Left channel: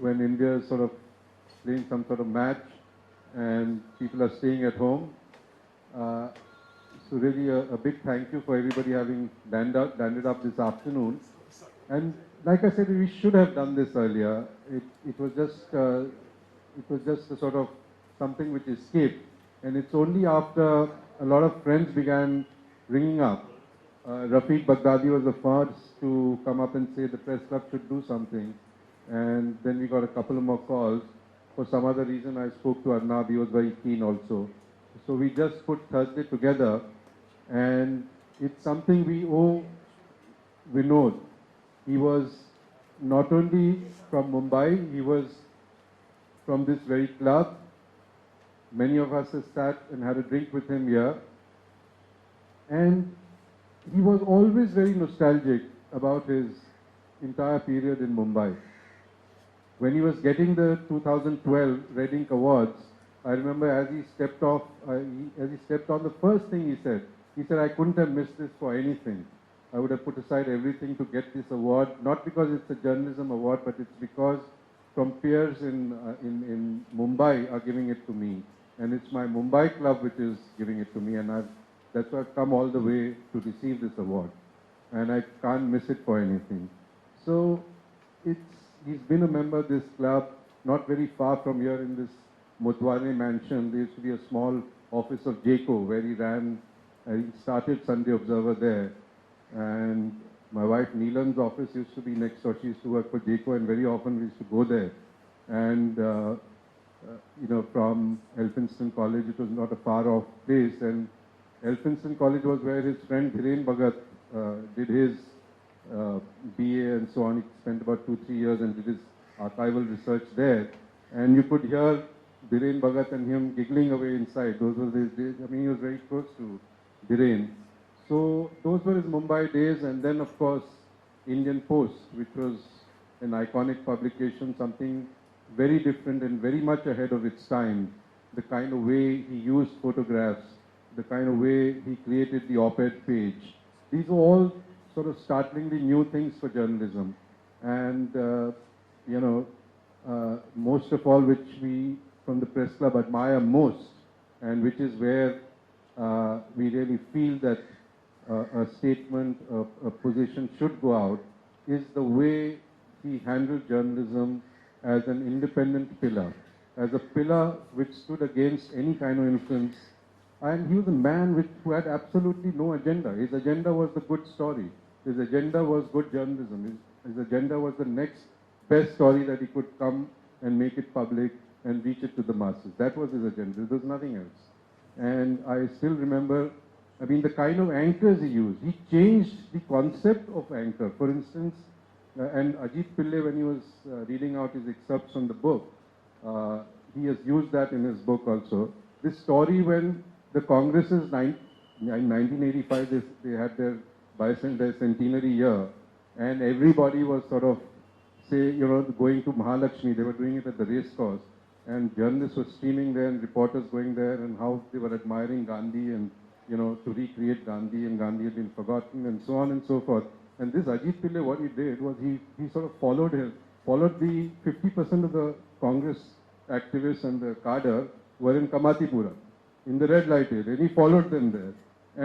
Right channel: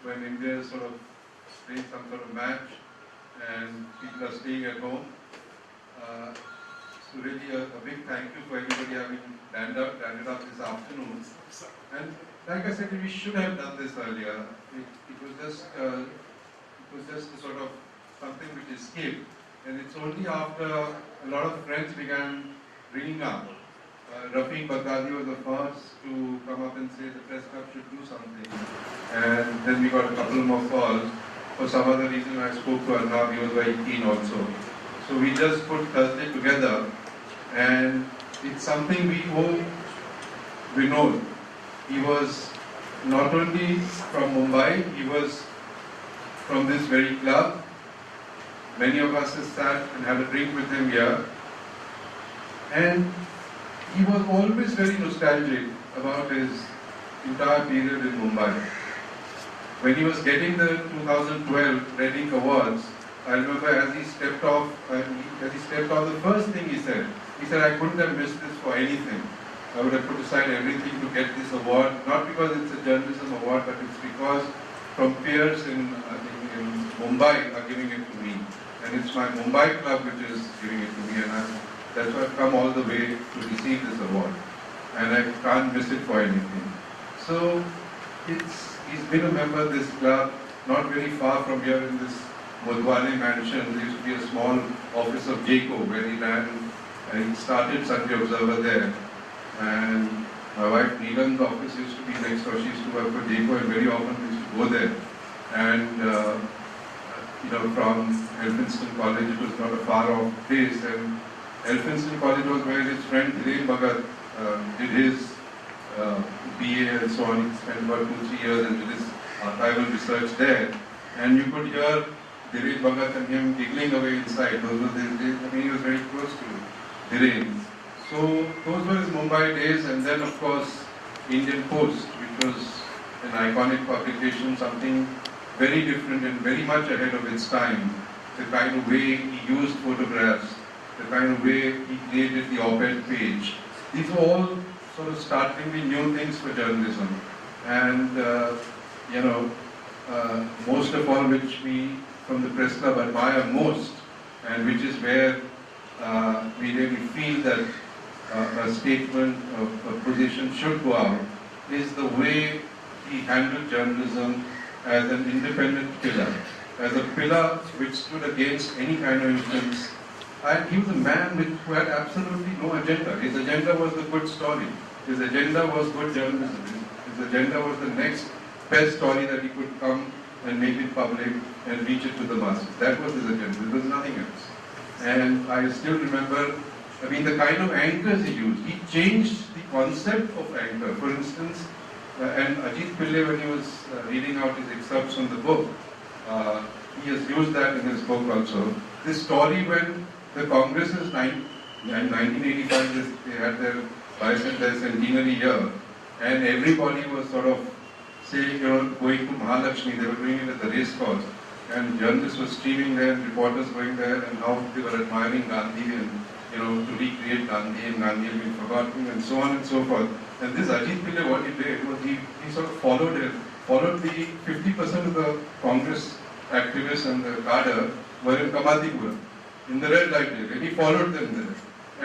when India is sort of playing some sort of match and people are staying at home. Uh, so really a big thank you for everybody having landed up this afternoon. And like I said, we should have done this earlier. It was just a sort of something which escaped. And it's only after a lot of friends began ringing up. Rafiq Baghdadi was the first to come up and say the press club should do something. And then we got a couple more calls. For some other reason, I spoke to Arnab, he was very keen also. So we just put Thursday together, and it's something we owe Vinod. He was not only from Mumbai, he was from this very club. Many of us have sat and had a drink with him here. And he was always very nostalgic about his entire period in Mumbai. When he was getting the 2012 Reading Awards, I remember as he stepped on, the first thing he said, I couldn't have missed this for anything. I would have put aside everything to get this award, not because it's a journalism award, but it's because from peers in Mumbai are giving it to me. And it's my Mumbai club which is giving it to me, and that's why I've come all the way to receive this award. And I can't miss it for anything. So he's been a member of this club, not very far from here in this Mudwale mansion. There used to be a small office of JACO where he started Sunday Observer there. And my wife Neelam's office used to be next door. She used to work for JACO, and very often we used to go there. And from Elphinstone College, it was not a far off place. And Elphinstone College was where his friend Dhiren Bhagat did his BA and so on. He spent about 2-3 years and did his archival research there. And you could hear Dhiren Bhagat and him giggling away inside. Those were his days. I mean, he was very close to Dhiren. So those were his Mumbai days. And then, of course, Indian Post, which was an iconic publication, something very different and very much ahead of its time. The kind of way he used photographs, the kind of way he created the op-ed page. These were all sort of startlingly new things for journalism. And, most of all, which we from the Press Club admire most, and which is where we really feel that a statement, a position should go out, is the way he handled journalism as an independent pillar, as a pillar which stood against any kind of influence. And he was a man who had absolutely no agenda. His agenda was the good story. His agenda was good journalism. His agenda was the next best story that he could come and make it public and reach it to the masses. That was his agenda. There was nothing else. And I still remember, the kind of anchors he used. He changed the concept of anchor. For instance, and Ajit Pillai, when he was reading out his excerpts from the book, he has used that in his book also. This story when the Congresses, in 1985, they had their bicentennial centenary year, and everybody was sort of saying, going to Mahalakshmi, they were doing it at the race course, and journalists were streaming there, and reporters going there, and how they were admiring Gandhi, and to recreate Gandhi, and Gandhi had been forgotten, and so on and so forth. And this Ajit Pillai, what he did was he sort of followed the 50% of the Congress activists and the cadre were in Kamatipura, in the red light area, and he followed them there.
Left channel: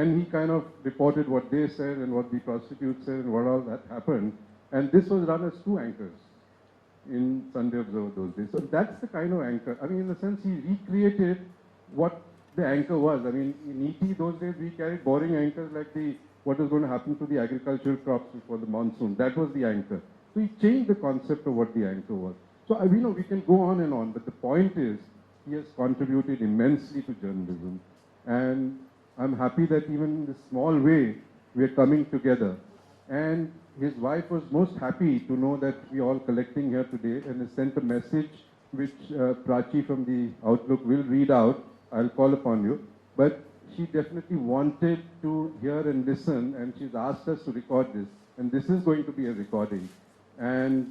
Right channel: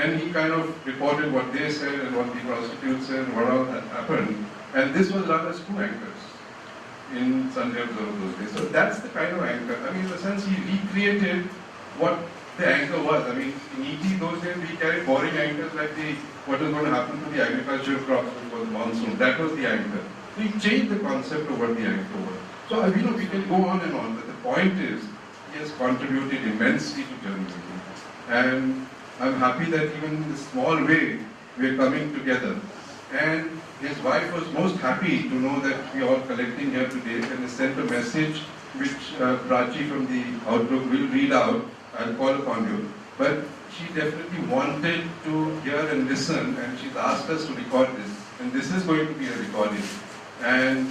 And he kind of reported what they said and what the prostitutes said and what all that happened. And this was run as two anchors in Sunday Observer those days. So that's the kind of anchor. In a sense, he recreated what the anchor was. In ET those days, we carried boring anchors like what is going to happen to the agricultural crops before the monsoon. That was the anchor. So he changed the concept of what the anchor was. So we can go on and on, but the point is, he has contributed immensely to journalism. And I'm happy that even in this small way, we are coming together. And his wife was most happy to know that we are all collecting here today, and he sent a message which Prachi from the Outlook will read out. I'll call upon you. But she definitely wanted to hear and listen, and she's asked us to record this. And this is going to be a recording. And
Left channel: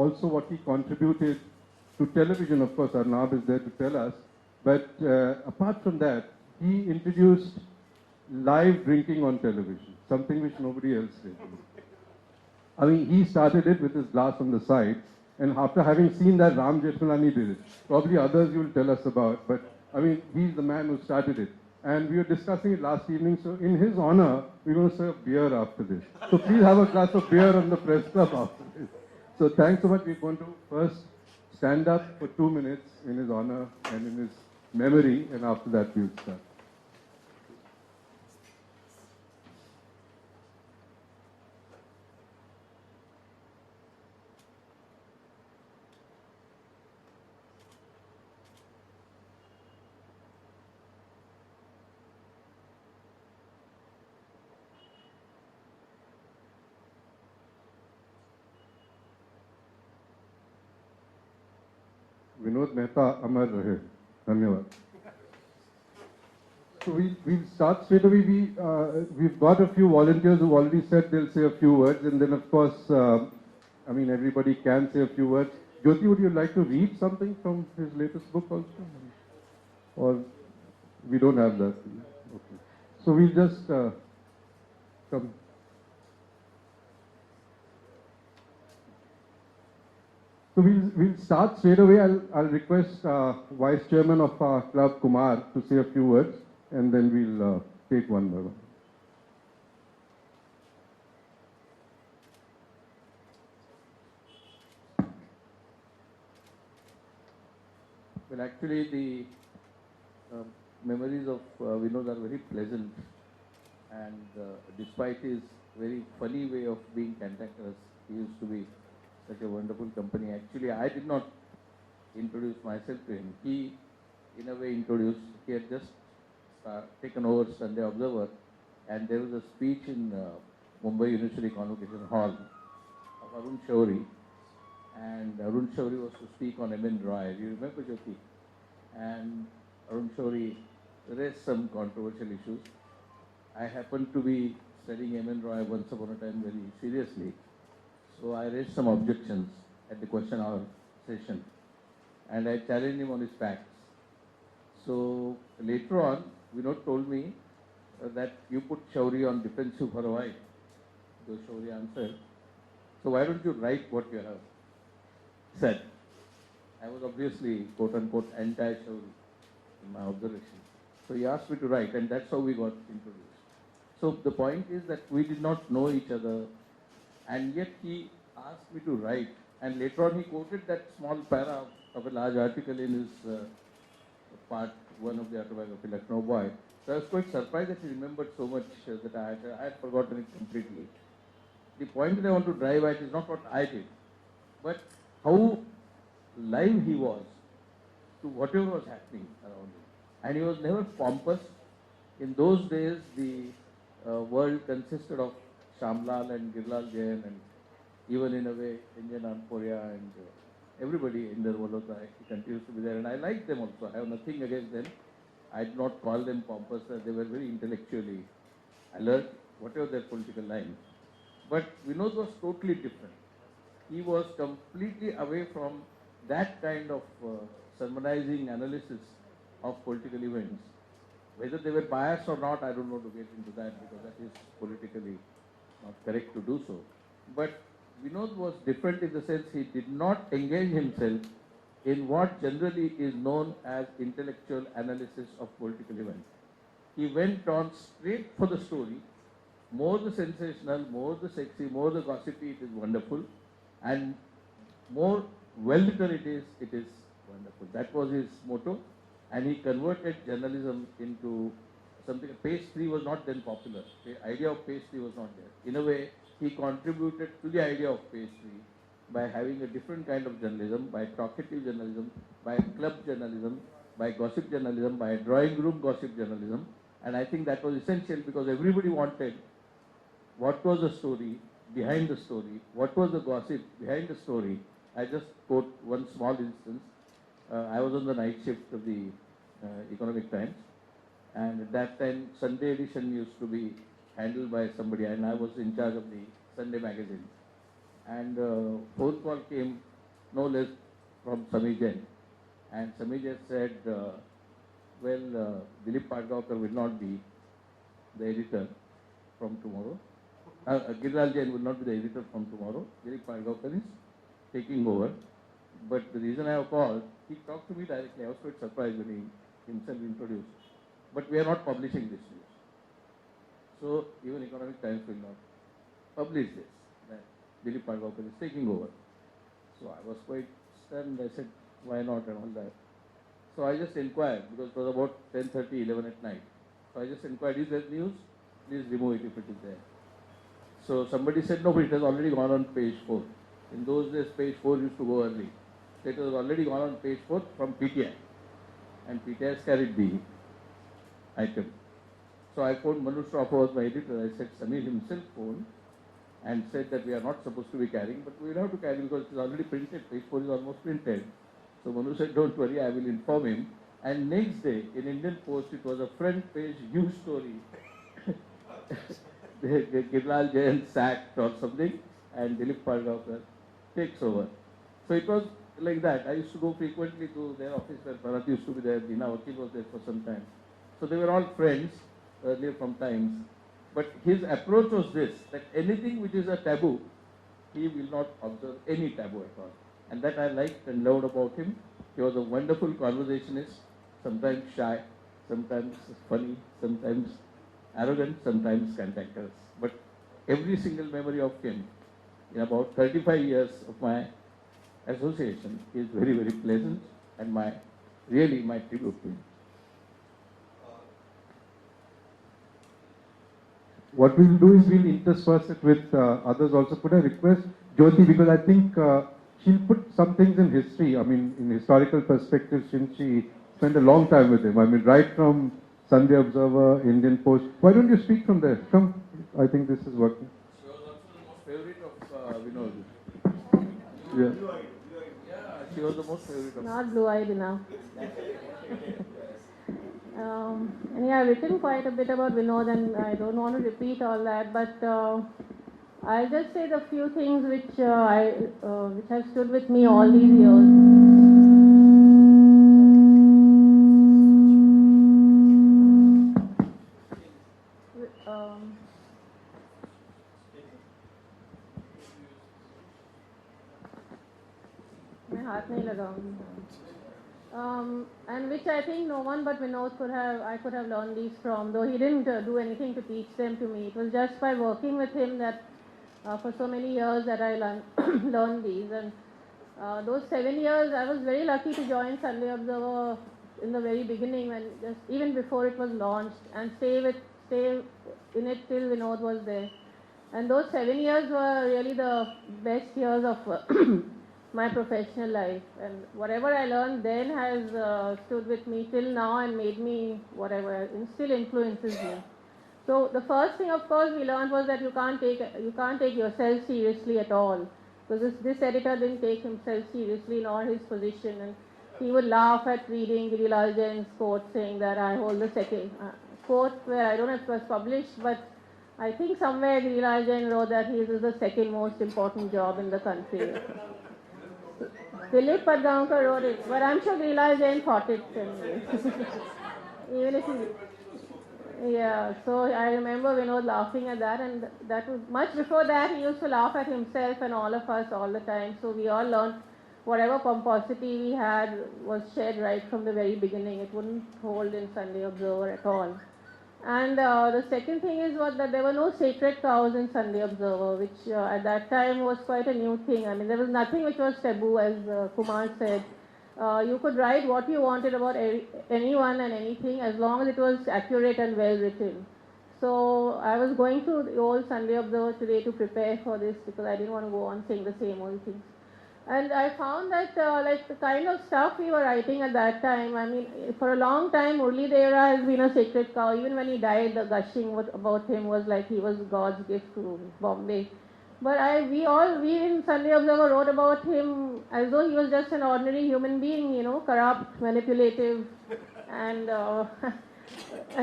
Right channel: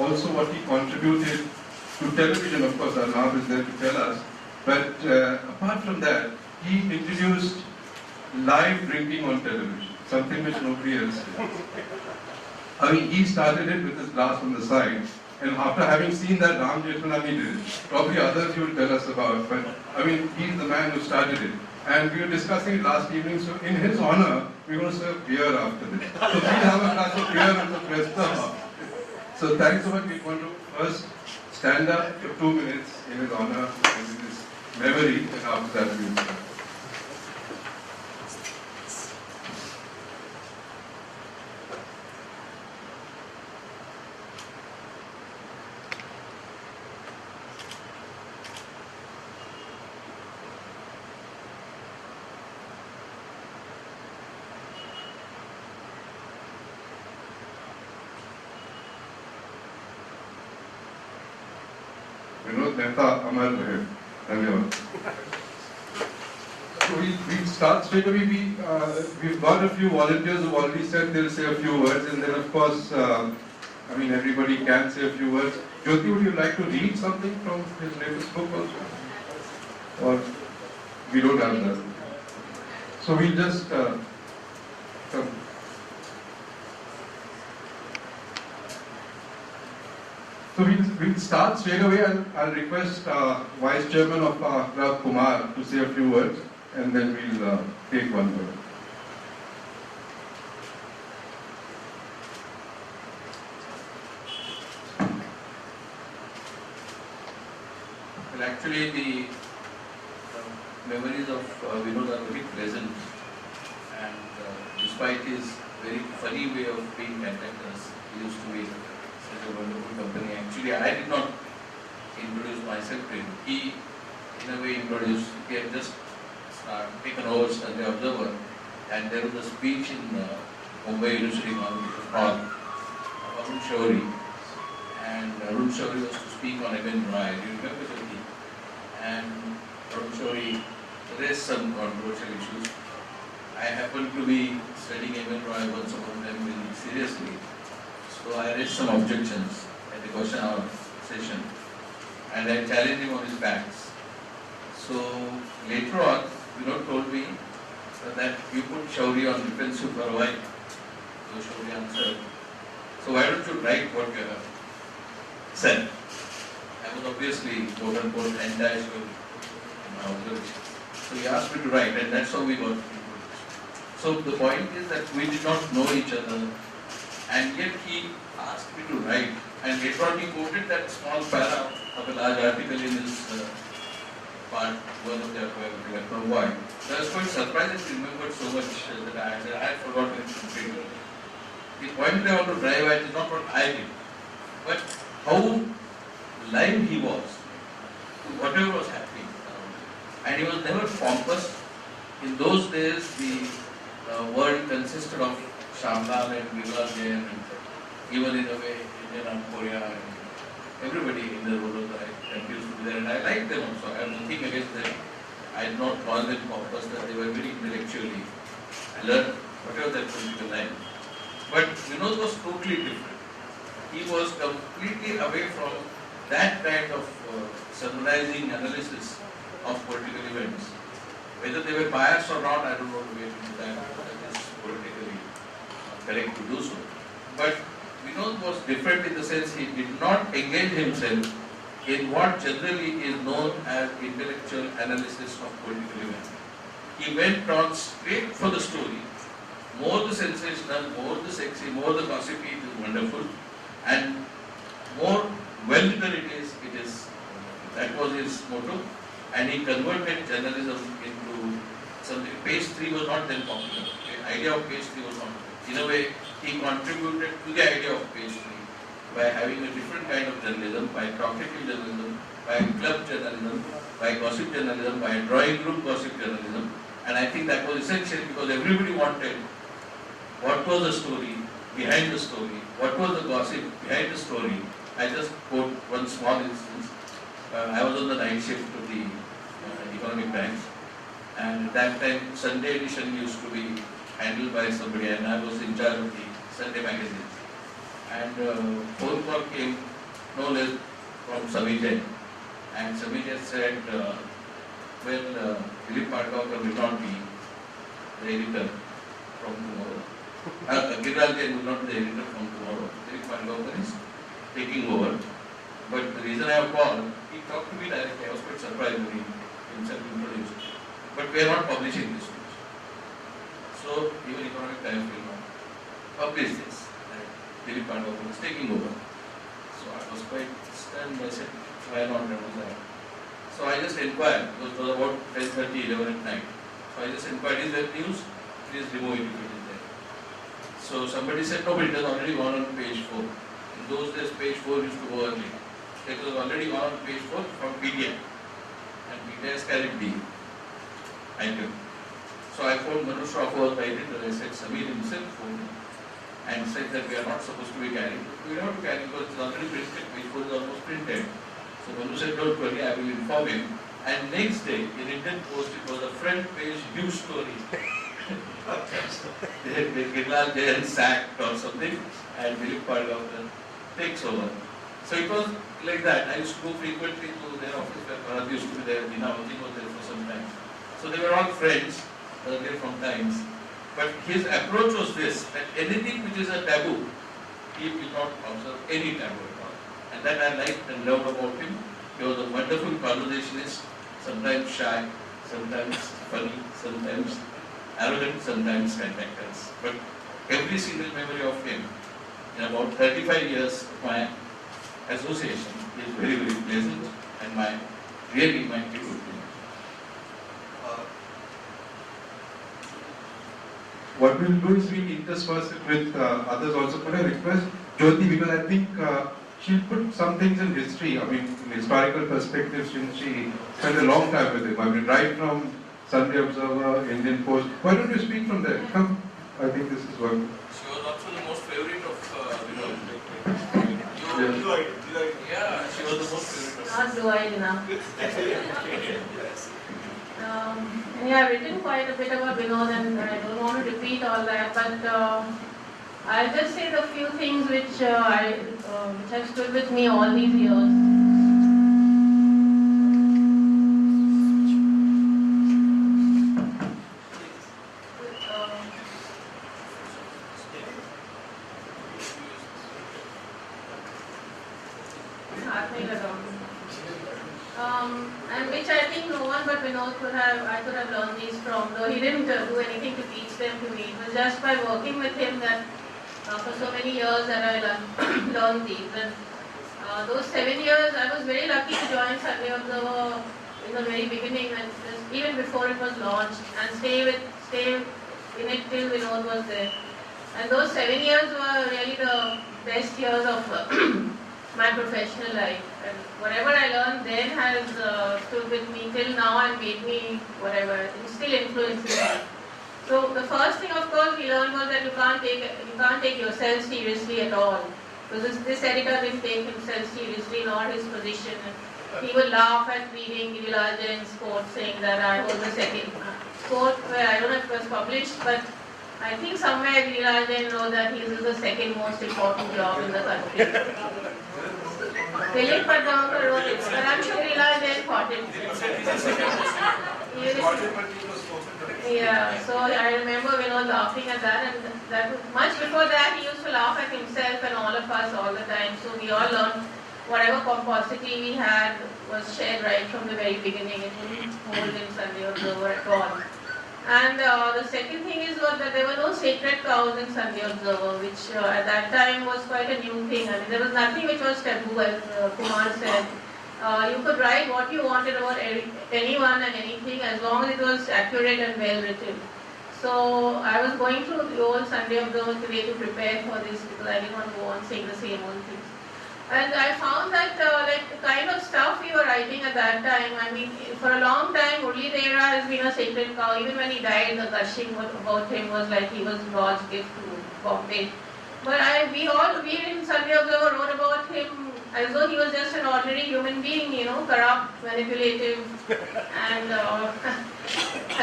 also what he contributed to television, of course, Arnab is there to tell us. But apart from that, he introduced live drinking on television, something which nobody else did. He started it with his glass on the side, And after having seen that, Ram Jethmalani did it. Probably others you will tell us about, but I mean, he's the man who started it. And we were discussing it last evening, so in his honor, we're going to serve beer after this. So please have a glass of beer in the press club after this. So thanks so much. We're going to first stand up for 2 minutes in his honor and in his memory, and after that we'll start. Vinod Mehta, Amar Rahe. Dhanyavad. So we'll start straight away. We've got a few volunteers who've already said they'll say a few words, and then of course, I mean, everybody can say a few words. Jyoti, would you like to read something from his latest book also? Or we don't have that? So we'll just come. So we'll start straight away. I'll request Vice Chairman of our club, Kumar, to say a few words, and then we'll take one word. Well, actually, the memories of Vinod are very pleasant, and despite his very funny way of being conductors, he used to be such a wonderful company. Actually, I did not introduce myself to him. He, in a way, introduced. He had just taken over Sunday Observer, and there was a speech in Mumbai University Hall, Arun Shourie, and Arun Shourie was to speak on M.N. Roy. Do you remember Jyoti? And Arun Shourie raised some controversial issues. I happened to be studying M.N. Roy once upon a time very seriously. So I raised some objections at the question hour session, and I challenged him on his facts. So later on, Vinod told me that you put Shourie on defensive for a while. So Shourie answered, so why don't you write what you have said? I was obviously quote unquote anti-Shourie. So he asked me to write, and that's how we got into it. So the point is that we did not know each other, and yet he asked me to write, and later on he quoted that small para of a large article in his part, one of the autobiography, I don't know why. So I was quite surprised that he remembered so much that I had forgotten it completely. The point that I want to drive at is not what I did, but how live he was to whatever was happening around him. And he was never pompous. In those days, the world consisted of Shamlal and Bilal Jain, and even in a way, Indian Amporia, and everybody in the world continues to be there. And I like them also. I have nothing against them. I do not call them pompous, that they were very intellectually alert, whatever their political line. But Vinod was totally different. He was completely away from that kind of summarizing analysis of political events. Whether they were biased or not, I don't know to get into that. It is politically correct to do so. But Vinod was different in the sense he did not engage himself in what generally is known as intellectual analysis of political events. He went on straight for the story. More the sensational, more the sexy, more the gossipy, it is wonderful. And more well-written it is, that was his motto. And he converted journalism into something. Page 3 was not then popular. The idea of page 3 was not. In a way, he contributed to the idea of page 3 by having a different kind of journalism, by talkative journalism, by club journalism, by gossip journalism, by drawing room gossip journalism. And I think that was essential because everybody wanted what was the story behind the story, what was the gossip behind the story. I just quote one small instance. I was on the night shift of the Economic Times, and at that time Sunday edition used to be handled by somebody, and I was in charge of the Sunday magazine. And phone call came no less from Samijay, and Samijay said, well, Dilip Padgavkar will not be the editor from tomorrow. Giral Jain will not be the editor from tomorrow. Dilip Padgavkar is taking over. But the reason I have called, he talked to me directly. I was quite surprised when he himself introduced. But we are not publishing this news. So even Economic Times will not publish this. That Dilip Pandavapu is taking over. So I was quite stunned. I said, why not? So I just inquired, because it was about 10:30, 11 at night. So I just inquired, is there news? Please remove it if it is there. So somebody said, no, but it has already gone on page 4. In those days, page 4 used to go early. It was already gone on page 4 from PTI. And PTI has carried the item. So I phoned Manu Shroff, who was my editor. I said, Samir himself phoned me and said that we are not supposed to be carrying, but we have to carry because it is already printed. Page 4 is almost printed. So Manu said, don't worry, I will inform him. And next day, in Indian Post, it was a front page news story. Girlal Jain sacked or something, and Dilip Pandavapu takes over. So it was like that. I used to go frequently to their office where Bharat used to be there, Dinawati was there for some time. So they were all friends, there from Times. But his approach was this, that anything which is a taboo, he will not observe any taboo at all. And that I liked and loved about him. He was a wonderful conversationist, sometimes shy, sometimes funny, sometimes arrogant, sometimes cantankerous. But every single memory of him, in about 35 years of my association, is very, very pleasant and really my good opinion. What we will do is we will intersperse it with others also. Could I request Jyoti, because I think she'll put some things in history, I mean in historical perspective, since she spent a long time with him. I mean right from Sunday Observer, Indian Post. Why don't you speak from there? Come, I think this is what... She was also the most favorite of Vinod. Yeah, she was the most favorite of Not blue-eyed enough. Yeah, I've written quite a bit about Vinod and I don't want to repeat all that, but I'll just say the few things which have stood with me all these years. And which I think no one but Vinod I could have learned these from, though he didn't do anything to teach them to me. It was just by working with him that for so many years that I learned these. And those 7 years, I was very lucky to join Sunday Observer in the very beginning, and even before it was launched, and stay in it till Vinod was there. And those 7 years were really the best years of my professional life, and whatever I learned then has stood with me till now and made me whatever, and still influences me. So the first thing, of course, we learned was that you can't take yourself seriously at all, because this editor didn't take himself seriously nor his position. He would laugh at reading Girlal Jain's quote saying that I hold the second quote, where I don't know if it was published, but I think somewhere Girlal Jain wrote that his is the second most important job in the country. Dilip Pandavapu wrote it, but I'm sure Girlal Jain thought it. Yeah, so I remember Vinod laughing at that, and that was much before that he used to laugh at himself and all of us all the time. So we all learned whatever pomposity we had was shared right from the very beginning. It wouldn't hold in Sunday Observer at all. And the second thing is that there were no sacred cows in Sunday Observer, which at that time was quite a new thing. I mean, there was nothing which was taboo, as Kumar said. You could write what you wanted about anyone and anything as long as it was accurate and well written. So I was going through the old Sunday Observer today to prepare for this because I didn't want to go on saying the same old things. And I found that like the kind of stuff we were writing at that time, I mean, for a long time, Murli Dera has been a sacred cow. Even when he died, the gushing about him was like he was God's gift to Bombay. But we in Sunday Observer wrote about him as though he was just an ordinary human being, you know, corrupt, manipulative, and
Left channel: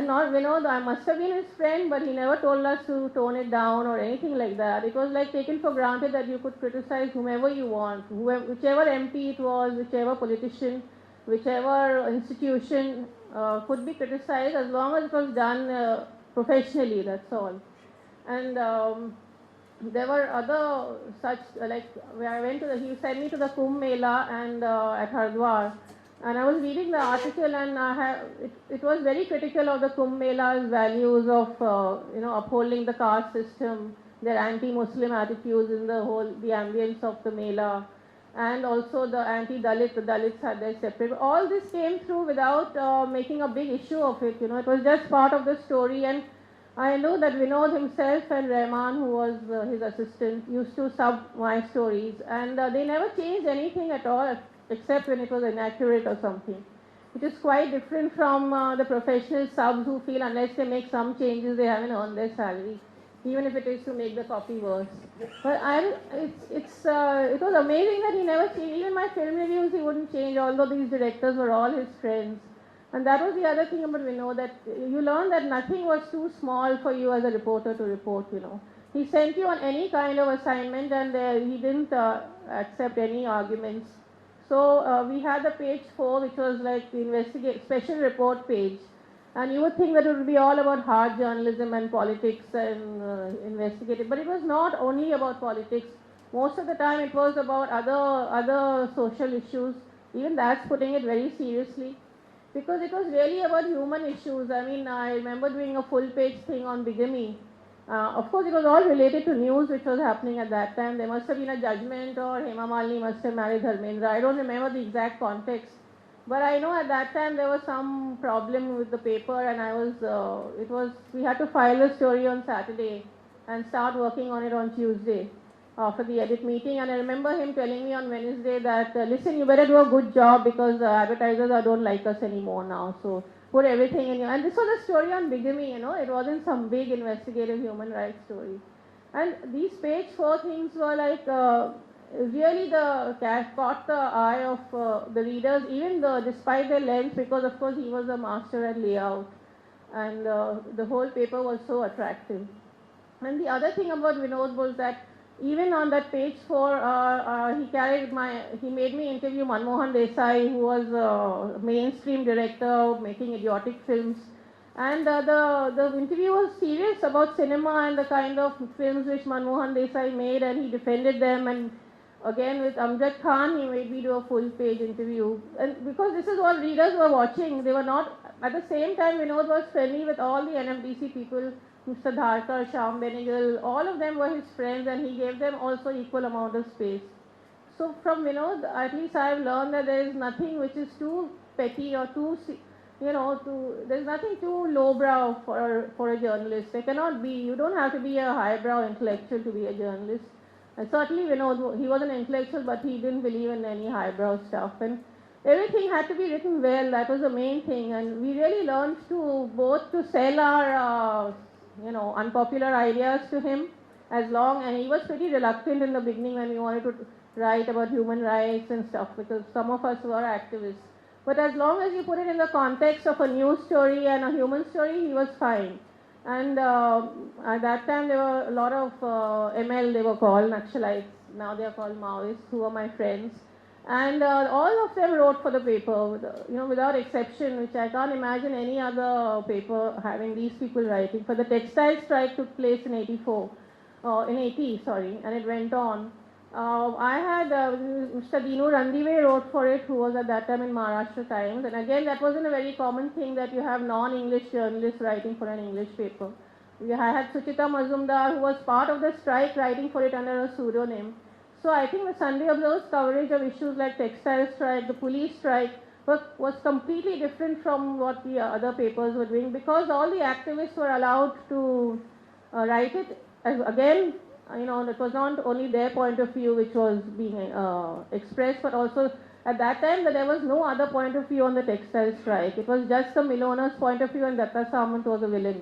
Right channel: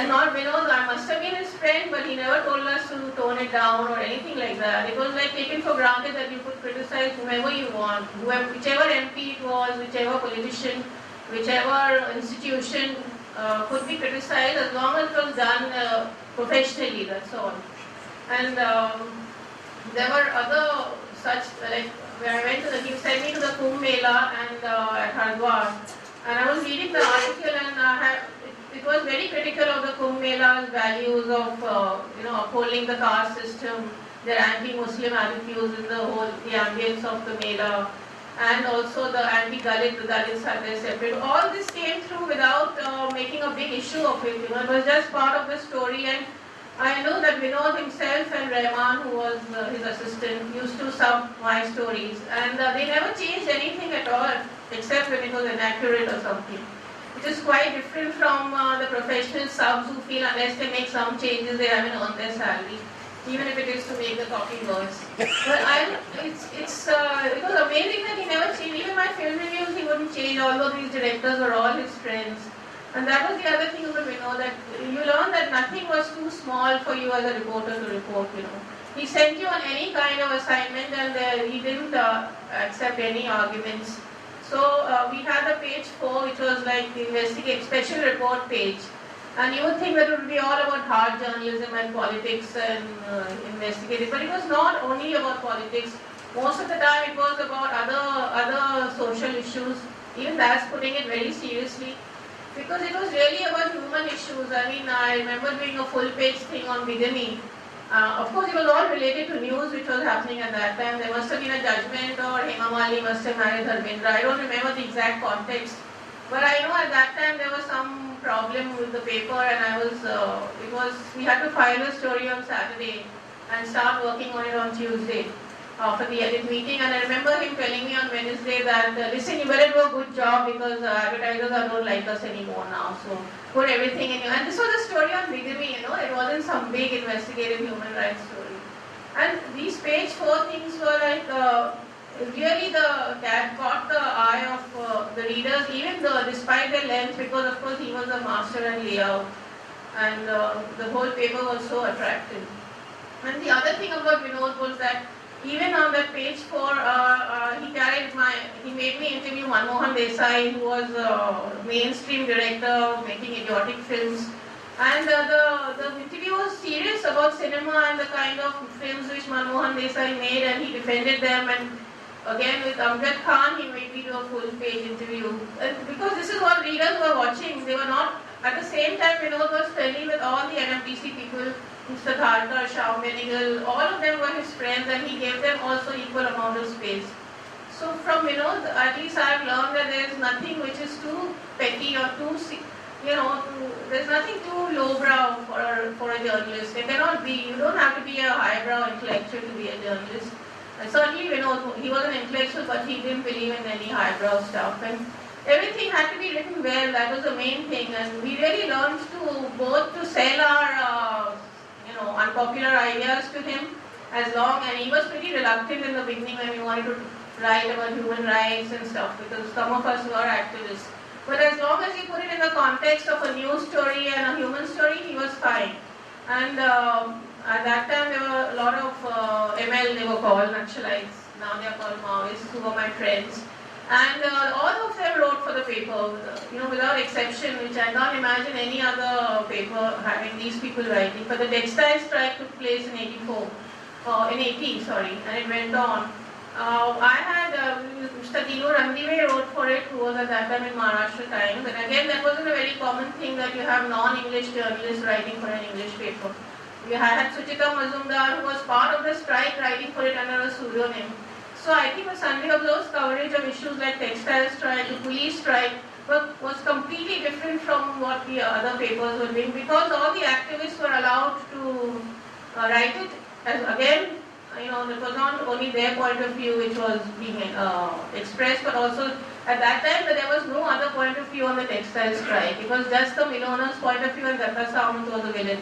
not Vinod. I must have been his friend, but he never told us to tone it down or anything like that. It was like taken for granted that you could criticize whomever you want, whichever MP it was, whichever politician, whichever institution could be criticized as long as it was done professionally, that's all. And there were other such, like, where I went to, he sent me to the Kumbh Mela and at Hardwar, and I was reading the article, and it was very critical of the Kumbh Mela's values of, upholding the caste system, their anti-Muslim attitudes in the ambience of the Mela, and also the anti-Dalit, the Dalits had their separate. All this came through without making a big issue of it, it was just part of the story. And I know that Vinod himself and Rahman, who was his assistant, used to sub my stories, and they never changed anything at all, except when it was inaccurate or something, which is quite different from the professional subs who feel unless they make some changes, they haven't earned their salary, even if it is to make the copy worse. But it was amazing that he never changed. Even my film reviews, he wouldn't change, although these directors were all his friends. And that was the other thing about Vinod, that you learned that nothing was too small for you as a reporter to report, He sent you on any kind of assignment, and he didn't accept any arguments. So we had a page 4, which was like the special report page. And you would think that it would be all about hard journalism and politics and investigating, but it was not only about politics. Most of the time it was about other social issues. Even that's putting it very seriously, because it was really about human issues. I mean, I remember doing a full page thing on bigamy. Of course, it was all related to news which was happening at that time. There must have been a judgment, or Hema Malini must have married Dharmendra. I don't remember the exact context. But I know at that time there was some problem with the paper, and we had to file a story on Saturday and start working on it on Tuesday for the edit meeting. And I remember him telling me on Wednesday that, listen, you better do a good job, because advertisers don't like us anymore now. So put everything in. And this was a story on bigamy, it wasn't some big investigative human rights story. And these page 4 things were like, really caught the eye of the readers, even despite their length, because of course he was a master at layout, and the whole paper was so attractive. And the other thing about Vinod was that even on that page 4, he made me interview Manmohan Desai, who was a mainstream director making idiotic films. And the interview was serious about cinema and the kind of films which Manmohan Desai made, and he defended them. And again, with Amjad Khan, he made me do a full-page interview. And because this is what readers were watching, they were not, at the same time, Vinod was friendly with all the NMDC people, Mr. Dharkar, Shyam Benegal, all of them were his friends, and he gave them also equal amount of space. So from Vinod, at least I have learned that there is nothing which is too petty or too, there's nothing too lowbrow for a journalist. There cannot be, you don't have to be a highbrow intellectual to be a journalist. And certainly, he was an intellectual, but he didn't believe in any highbrow stuff. And everything had to be written well. That was the main thing. And we really learned to sell our, unpopular ideas to him, and he was pretty reluctant in the beginning when we wanted to write about human rights and stuff, because some of us were activists. But as long as he put it in the context of a news story and a human story, he was fine. And at that time, there were a lot of ML, they were called Naxalites. Now they are called Maoists, who were my friends. And all of them wrote for the paper, without exception, which I can't imagine any other paper having these people writing. But the textile strike took place in 80, and it went on. I had Mr. Dinu Randive wrote for it, who was at that time in Maharashtra Times. And again, that wasn't a very common thing that you have non-English journalists writing for an English paper. We had Suchita Mazumdar, who was part of the strike, writing for it under a pseudonym. So I think the Sunday Observer's coverage of issues like textile strike, the police strike, was completely different from what the other papers were doing, because all the activists were allowed to write it. And again, it was not only their point of view which was being expressed, but also at that time there was no other point of view on the textile strike. It was just the millionaires' point of view, and Datta Samant was a villain.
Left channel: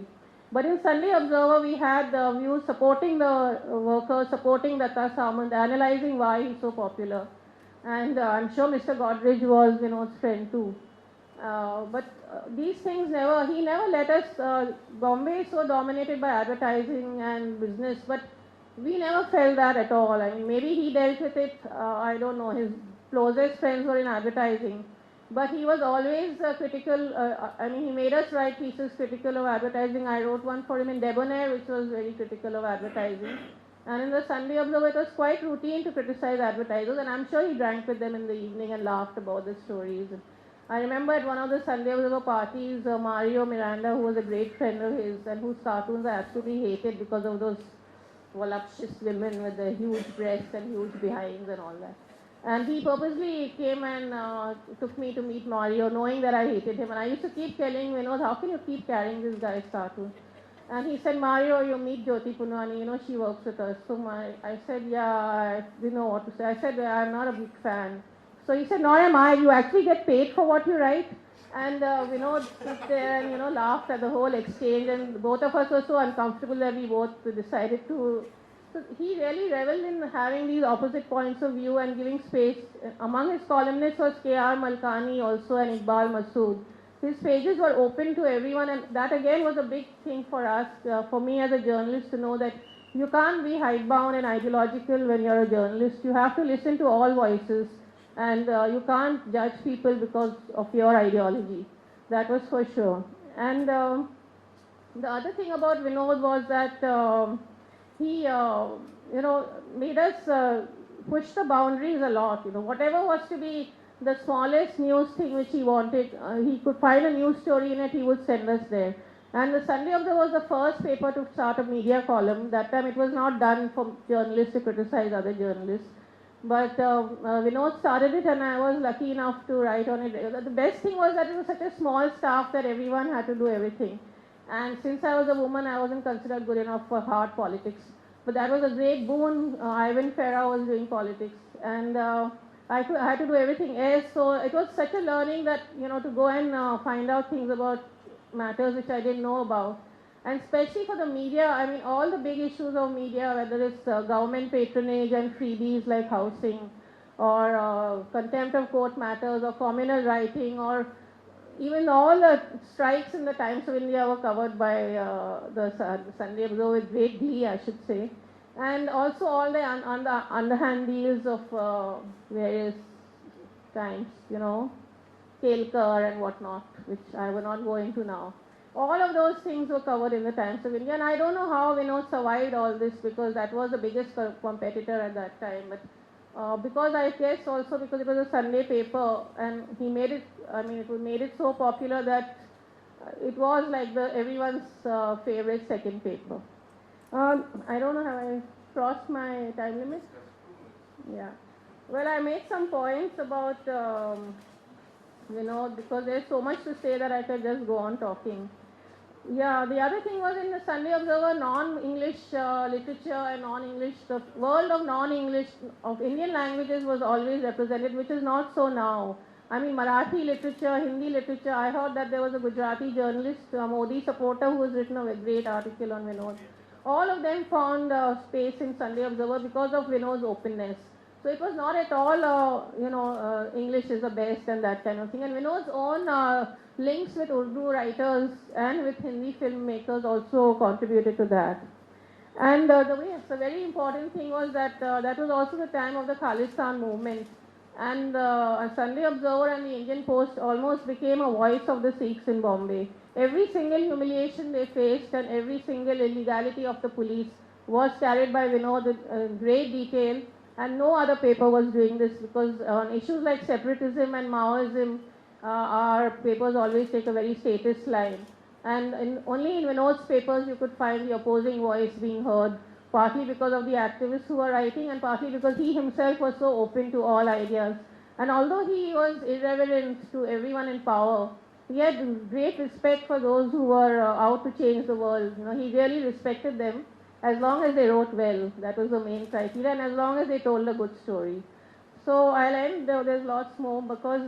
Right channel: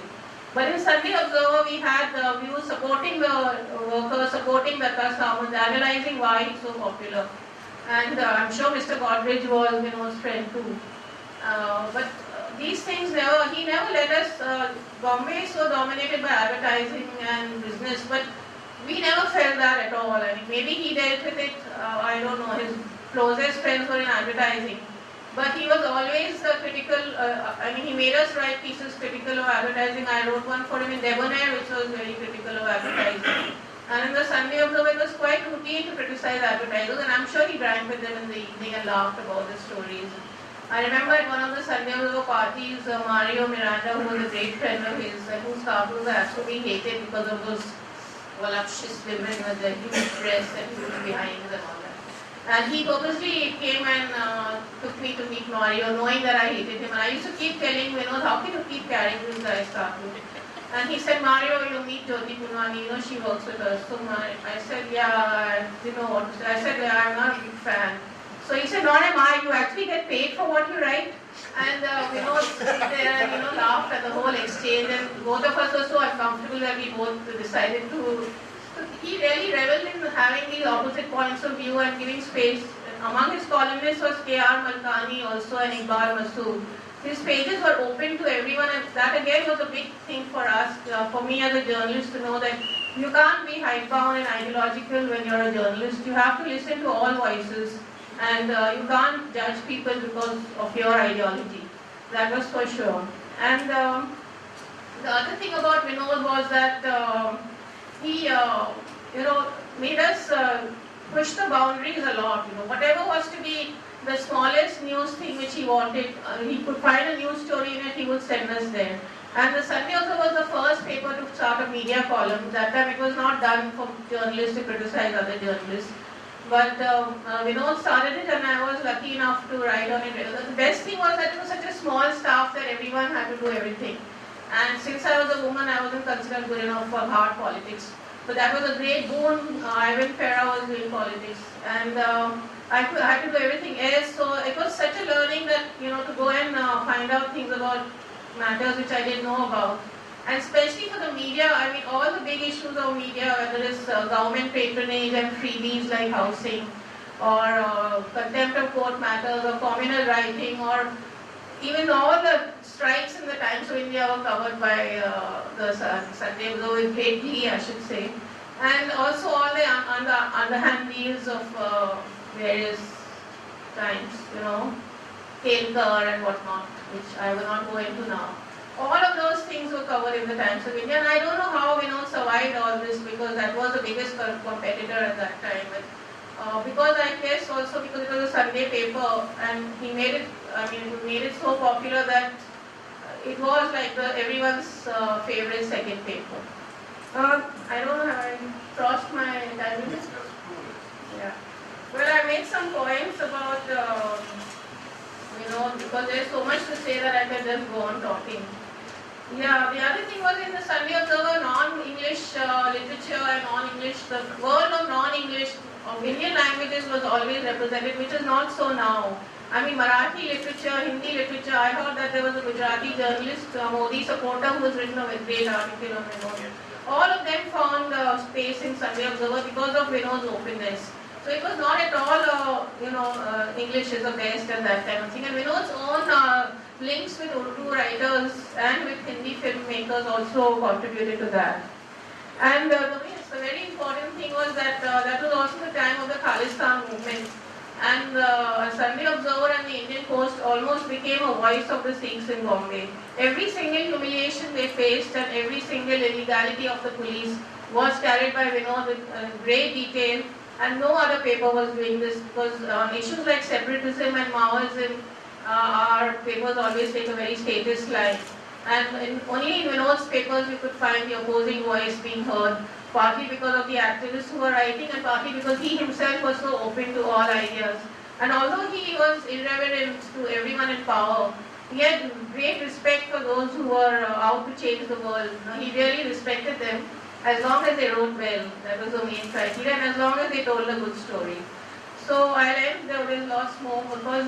But in Sunday Observer, we had views supporting the workers, supporting Datta Samant, analyzing why he's so popular. And I'm sure Mr. Godrej was Vinod's friend too. But these things he never let us, Bombay is so dominated by advertising and business, but we never felt that at all. I mean, maybe he dealt with it, I don't know, his closest friends were in advertising. But he was always critical, he made us write pieces critical of advertising. I wrote one for him in Debonair, which was very critical of advertising. And in the Sunday Observer, it was quite routine to criticize advertisers, and I'm sure he drank with them in the evening and laughed about the stories. I remember at one of the Sunday Observer parties, Mario Miranda, who was a great friend of his, and whose cartoons had to be hated because of those voluptuous women with the huge breasts and huge behinds and all that. And he purposely came and took me to meet Mario, knowing that I hated him. And I used to keep telling Vinod, how can you keep carrying this guy's cartoon? And he said, Mario, you meet Jyoti Punwani, you know, she works with us. So I said, yeah, I didn't know what to say. I said, yeah, I'm not a big fan. So he said, nor am I, you actually get paid for what you write. And Vinod sit there and, laughed at the whole exchange. And both of us were so uncomfortable that we both decided to. So he really reveled in having these opposite points of view and giving space. Among his columnists was K.R. Malkani also and Iqbal Masood. His pages were open to everyone, and that again was a big thing for us, for me as a journalist, to know that you can't be hidebound and ideological when you're a journalist. You have to listen to all voices, and you can't judge people because of your ideology. That was for sure. And the other thing about Vinod was that he, made us push the boundaries a lot. Whatever was to be the smallest news thing which he wanted, he could find a news story in it, he would send us there. And the Sunday Observer was the first paper to start a media column. That time it was not done for journalists to criticize other journalists. But Vinod started it, and I was lucky enough to write on it. The best thing was that it was such a small staff that everyone had to do everything. And since I was a woman, I wasn't considered good enough for hard politics. But that was a great boon. Ivan Farah was doing politics. And I had to do everything else, so it was such a learning that, to go and find out things about matters which I didn't know about. And especially for the media, I mean, all the big issues of media, whether it's government patronage and freebies like housing, or contempt of court matters, or communal writing, or even all the strikes in the Times of India were covered by the Sunday Observer with great glee, I should say. And also all the underhand deals of various times, Ketkar and whatnot, which I will not go into now. All of those things were covered in the Times of India, and I don't know how Vinod survived all this, because that was the biggest competitor at that time. But because I guess also because it was a Sunday paper, and he made it so popular that it was like everyone's favorite second paper. I don't know, have I crossed my time limit? Yeah. Well, I made some points about, because there's so much to say that I can just go on talking. Yeah, the other thing was in the Sunday Observer, non-English literature and non-English, the world of non-English, of Indian languages was always represented, which is not so now. I mean, Marathi literature, Hindi literature, I heard that there was a Gujarati journalist, Modi supporter, who has written a great article on Vinod. All of them found space in Sunday Observer because of Vinod's openness. So it was not at all, English is the best and that kind of thing. And Vinod's own links with Urdu writers and with Hindi filmmakers also contributed to that. And the very important thing was that that was also the time of the Khalistan movement. And Sunday Observer and the Indian Post almost became a voice of the Sikhs in Bombay. Every single humiliation they faced and every single illegality of the police was carried by Vinod in great detail, and no other paper was doing this, because on issues like separatism and Maoism, our papers always take a very statist line. And only in Vinod's papers we could find the opposing voice being heard, partly because of the activists who were writing, and partly because he himself was so open to all ideas. And although he was irreverent to everyone in power, he had great respect for those who were out to change the world. He really respected them as long as they wrote well. That was the main criteria, and as long as they told a good story. So I'll end with lots more, because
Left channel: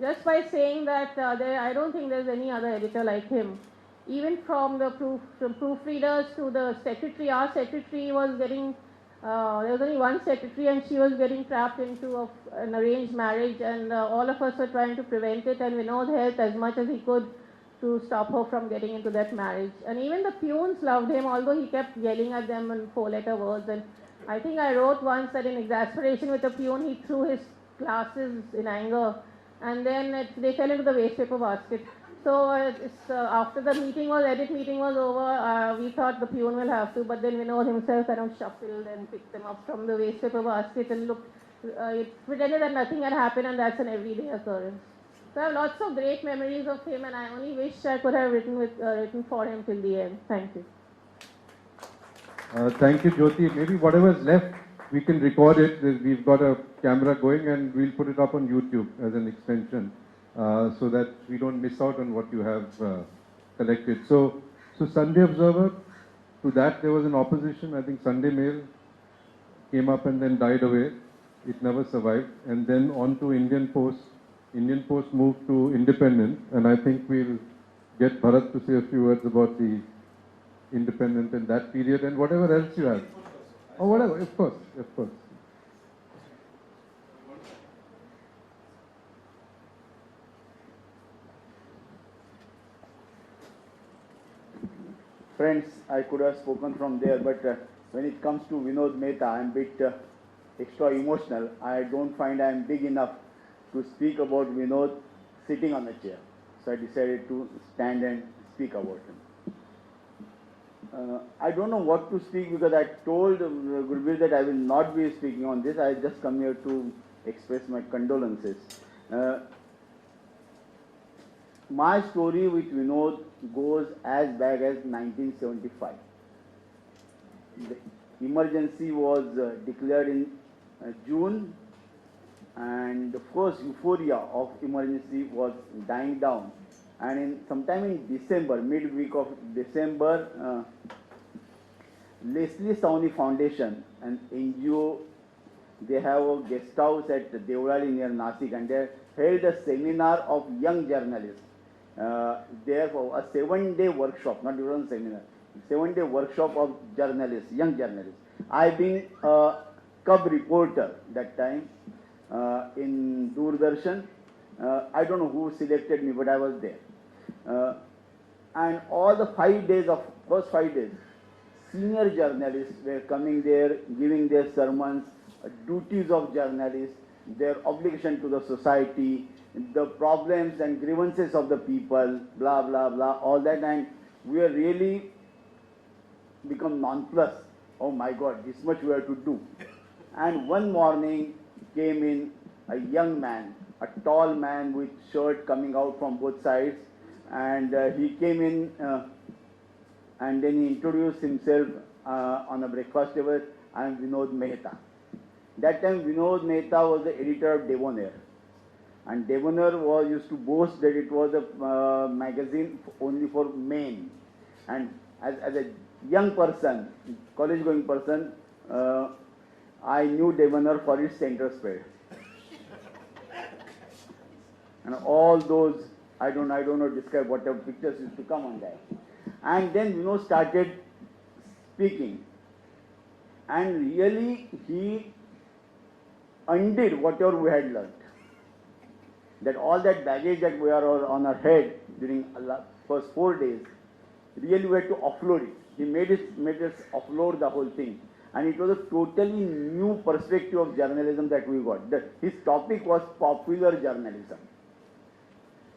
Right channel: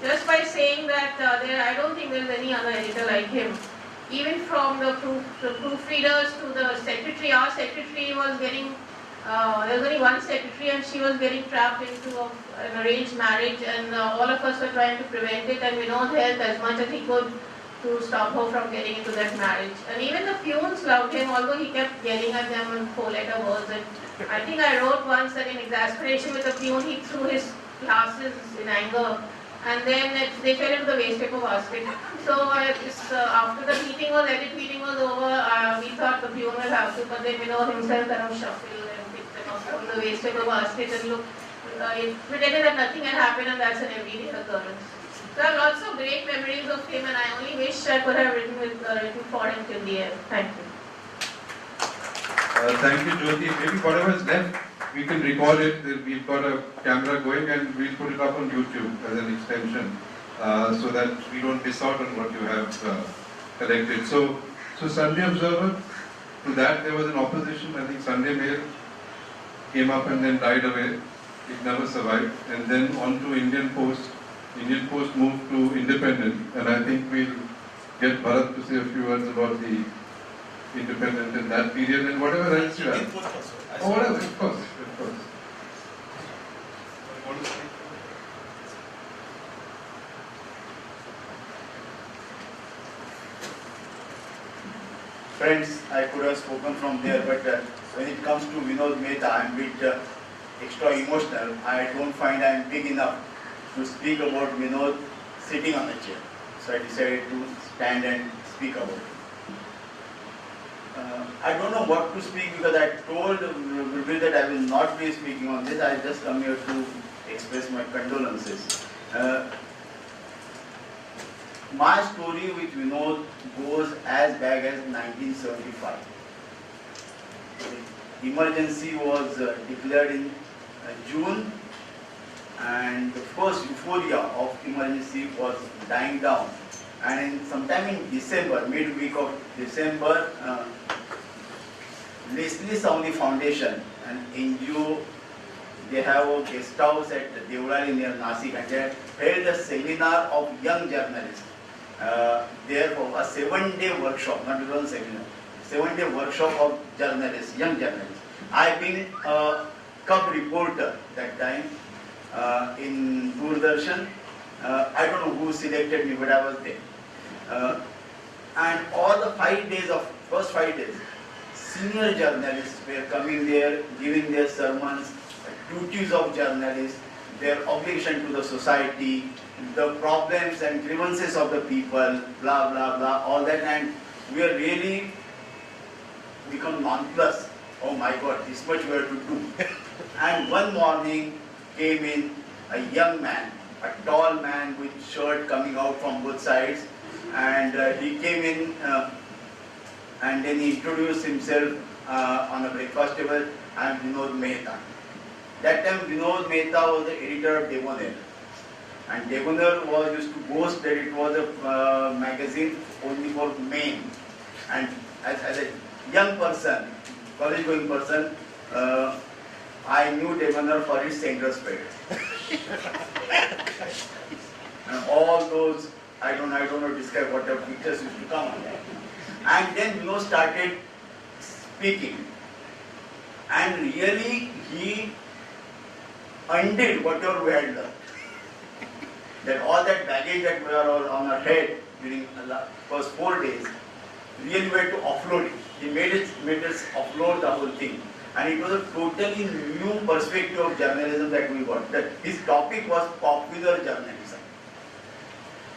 just by saying that I don't think there's any other editor like him. Even from the proofreaders to the secretary, our secretary was getting, there was only one secretary, and she was getting trapped into an arranged marriage, and all of us were trying to prevent it, and Vinod helped as much as he could to stop her from getting into that marriage. And even the peons loved him, although he kept yelling at them in 4-letter words. And I think I wrote once that in exasperation with the peon, he threw his glasses in anger, and then they fell into the waste paper basket. So after the meeting was, edit meeting was over, we thought the peon will have to, but then Vinod himself kind of shuffled and picked them up from the waste paper basket and looked, it pretended that nothing had happened, and that's an everyday occurrence. So I have lots of great memories of him, and I only wish I could have written for him till the end. Thank you. Thank you, Jyoti. Maybe whatever is left, we can record it. We've got a camera going and we'll put it up on YouTube as an extension so that we don't miss out on what you have collected. So Sunday Observer, to that there was an opposition. I think Sunday Mail came up and then died away. It never survived. And then on to Indian Post. Indian Post moved to Independent, and I think we'll get Bharat to say a few words about the Independent in that period and whatever else you have. Oh, whatever, of course, of course. Friends, I could have spoken from there, but when it comes to Vinod Mehta, I'm a bit extra emotional. I don't find I'm big enough to speak about Vinod sitting on the chair. So I decided to stand and speak about him. I don't know what to speak because I told Gurbir that I will not be speaking on this. I just come here to express my condolences. My story with Vinod goes as back as 1975. Emergency was declared in June, and the first euphoria of emergency was dying down. And sometime in December, midweek of December, Leslie Sauni Foundation, an NGO, they have a guest house at Devrali near Nasik, and they held a seminar of young journalists. Therefore, a 7-day workshop, not even a seminar, 7-day workshop of journalists, young journalists. I've been a cub reporter that time in Doordarshan. I don't know who selected me, but I was there. And all the 5 days of first 5 days, senior journalists were coming there, giving their sermons, duties of journalists, their obligation to the society, the problems and grievances of the people, blah, blah, blah, all that. And we are really become nonplussed. Oh my God, this much we have to do. And one morning came in a young man, a tall man with shirt coming out from both sides, and he came in and then he introduced himself on a breakfast table. I am Vinod Mehta. That time Vinod Mehta was the editor of Debonair, and Debonair was used to boast that it was a magazine only for men. And as a young person, college going person, I knew Debonair for its center spread. And all those, I don't know describe whatever pictures used to come on there. And then Vinod started speaking, and really he undid whatever we had learned. That all that baggage that we are on our head during the first 4 days, really we had to offload it. He made us offload the whole thing. And it was a totally new perspective of journalism that we got. That his topic was popular journalism.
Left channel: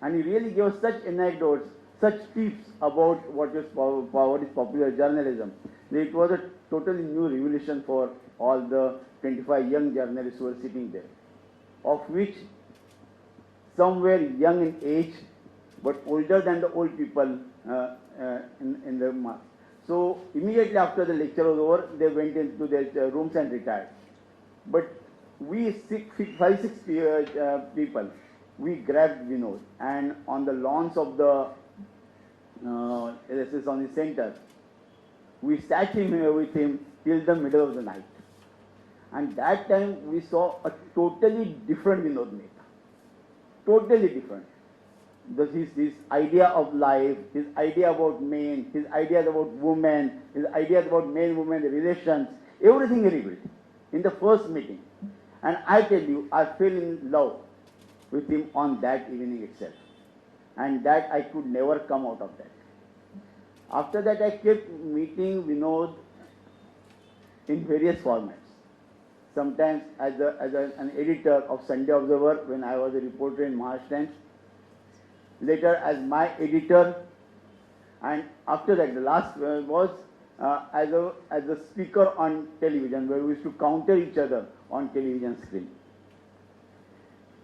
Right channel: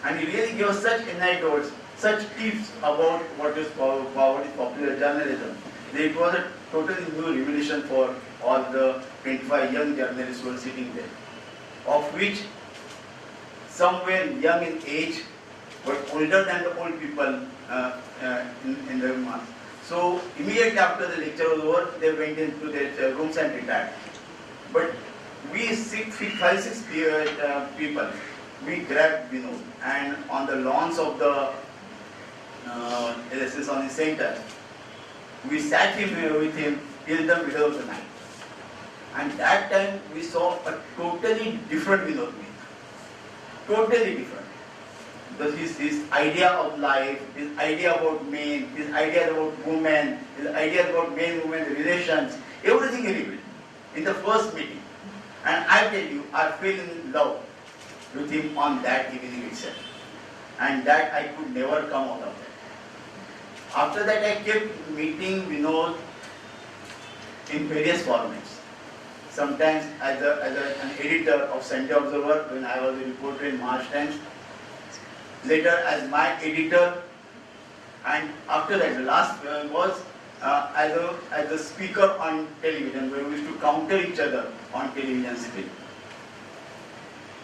And he really gave us such anecdotes, such tips about what is popular journalism. That it was a totally new revelation for all the 25 young journalists who were sitting there. Of which some were young in age, but older than the old people in the mass. So immediately after the lecture was over, they went into their rooms and retired. But we 5-6 people, we grabbed Vinod, and on the lawns of the LSS on the center, we sat with him till the middle of the night. And that time we saw a totally different Vinod Mehta. Totally different. His idea of life, his idea about men, his idea about women, his idea about men-women relations, everything he revealed in the first meeting. And I tell you, I fell in love with him on that evening itself. And that I could never come out of that. After that I kept meeting Vinod in various formats. Sometimes as an editor of Sunday Observer when I was a reporter in March Times, later as my editor, and after that the last was as a speaker on television, where we used to counter each other on television screen.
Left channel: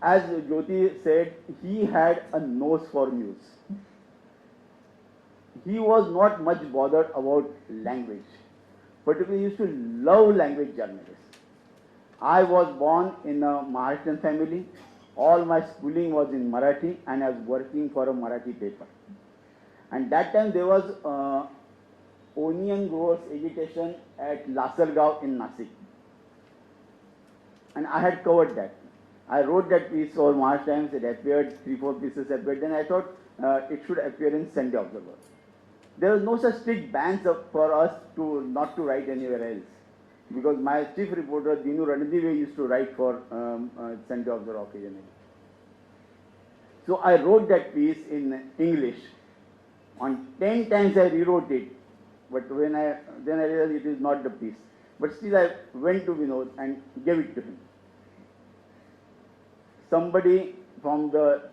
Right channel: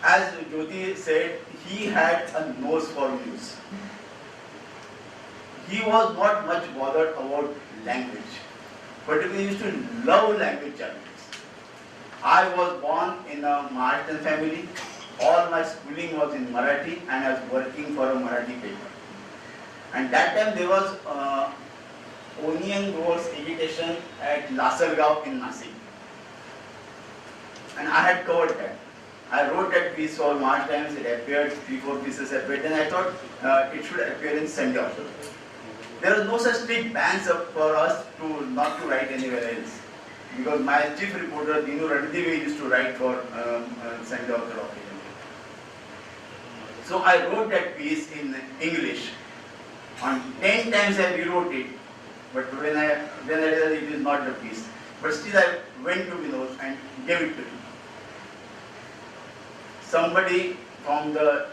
As Jyoti said, he had a nose for news. He was not much bothered about language, particularly he used to love language journalism. I was born in a Maharashtrian family. All my schooling was in Marathi, and I was working for a Marathi paper. And that time there was onion growers education at Lasargaon in Nasik. And I had covered that. I wrote that piece for March Times. It appeared, 3-4 pieces appeared, and I thought it should appear in Sunday Observer. There was no such strict bans for us to not to write anywhere else, because my chief reporter Dinu Ranadive used to write for Sunday Observer occasionally. So I wrote that piece in English. On 10 times I rewrote it, but when I realized it is not the piece. But still I went to Vinod and gave it to him. Somebody from the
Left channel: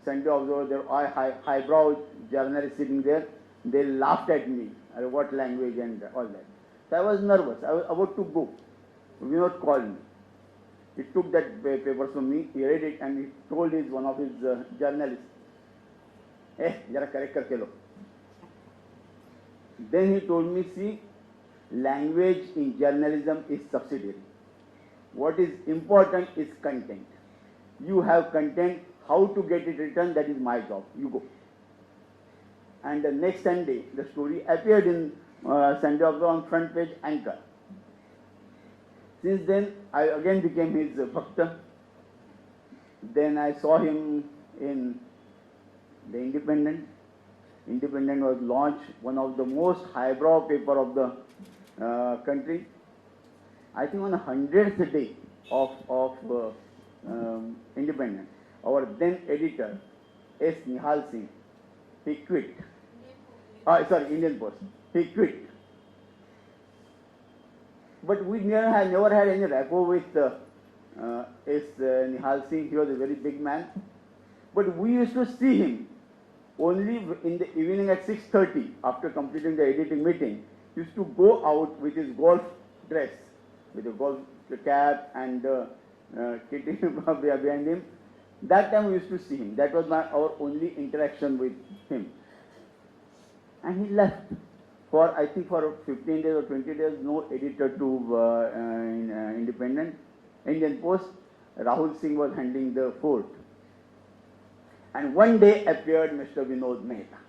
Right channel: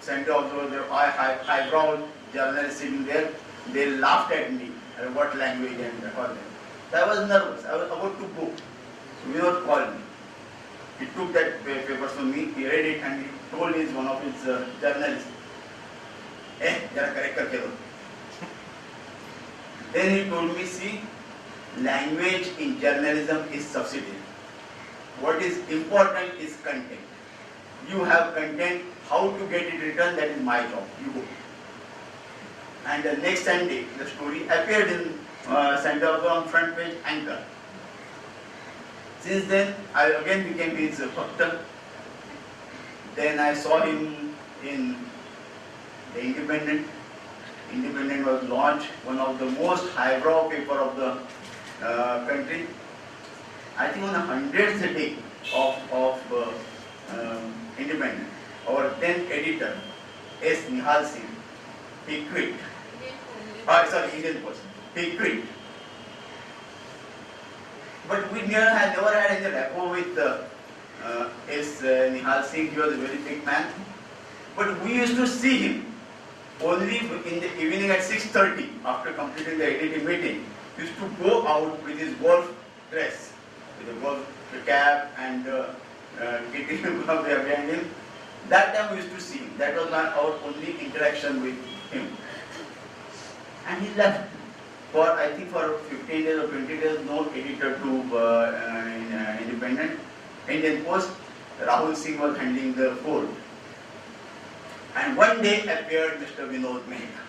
Sunday Observer, the highbrow journalist sitting there, they laughed at me. What language and all that. So I was nervous. I was about to go. So Vinod called me. He took that paper from me, he read it, and he told one of his journalists, jara correct karke do. Then he told me, see, language in journalism is subsidiary. What is important is content. You have content, how to get it written, that is my job. You go. And the next Sunday, the story appeared in Sunday Observer on front page anchor. Since then, I again became his bhakta. Then I saw him in the Independent. Independent was launched, one of the most highbrow paper of the country. I think on the 100th day of Independent, our then editor, S. Nihal Singh, he quit. Indian Post. He quit. But we never had any rapport with S. Nihal Singh. He was a very big man. But we used to see him only in the evening at 6:30 after completing the editing meeting. He used to go out with his golf dress, with a golf cap and kitty behind him. That time we used to see him. That was our only interaction with him. And he left. For I think for 15 days or 20 days, no editor to Independent. Indian Post, Rahul Singh was handling the fort. And one day appeared Mr. Vinod Mehta.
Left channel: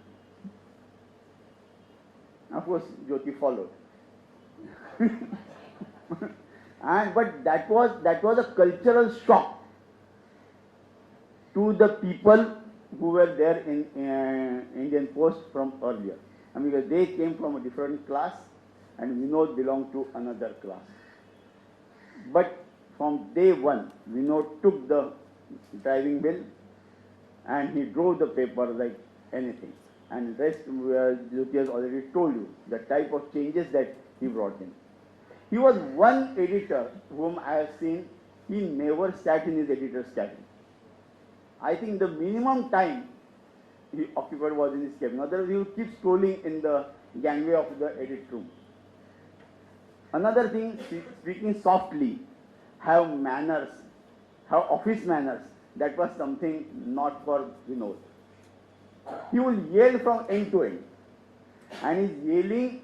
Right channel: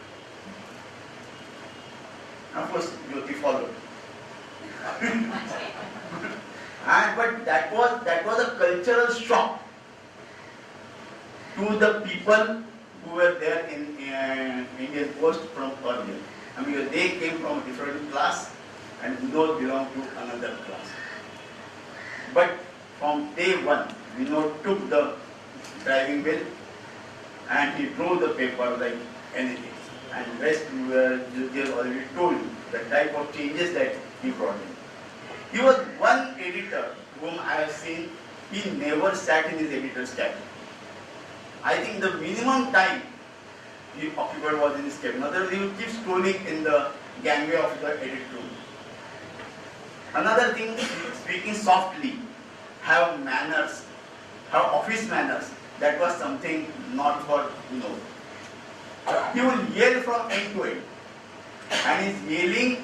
Of course, Jyoti followed. But that was a cultural shock to the people who were there in Indian Post from earlier. I mean, they came from a different class and Vinod belonged to another class. But from day one, Vinod took the driving wheel and he drove the paper like anything. And rest, Jyoti has already told you the type of changes that he brought in. He was one editor whom I have seen, he never sat in his editor's cabin. I think the minimum time he occupied was in his cabin. In other words, he would keep scrolling in the gangway of the edit room. Another thing, speaking softly, have manners, have office manners, that was something not for He would yell from end to end. And his yelling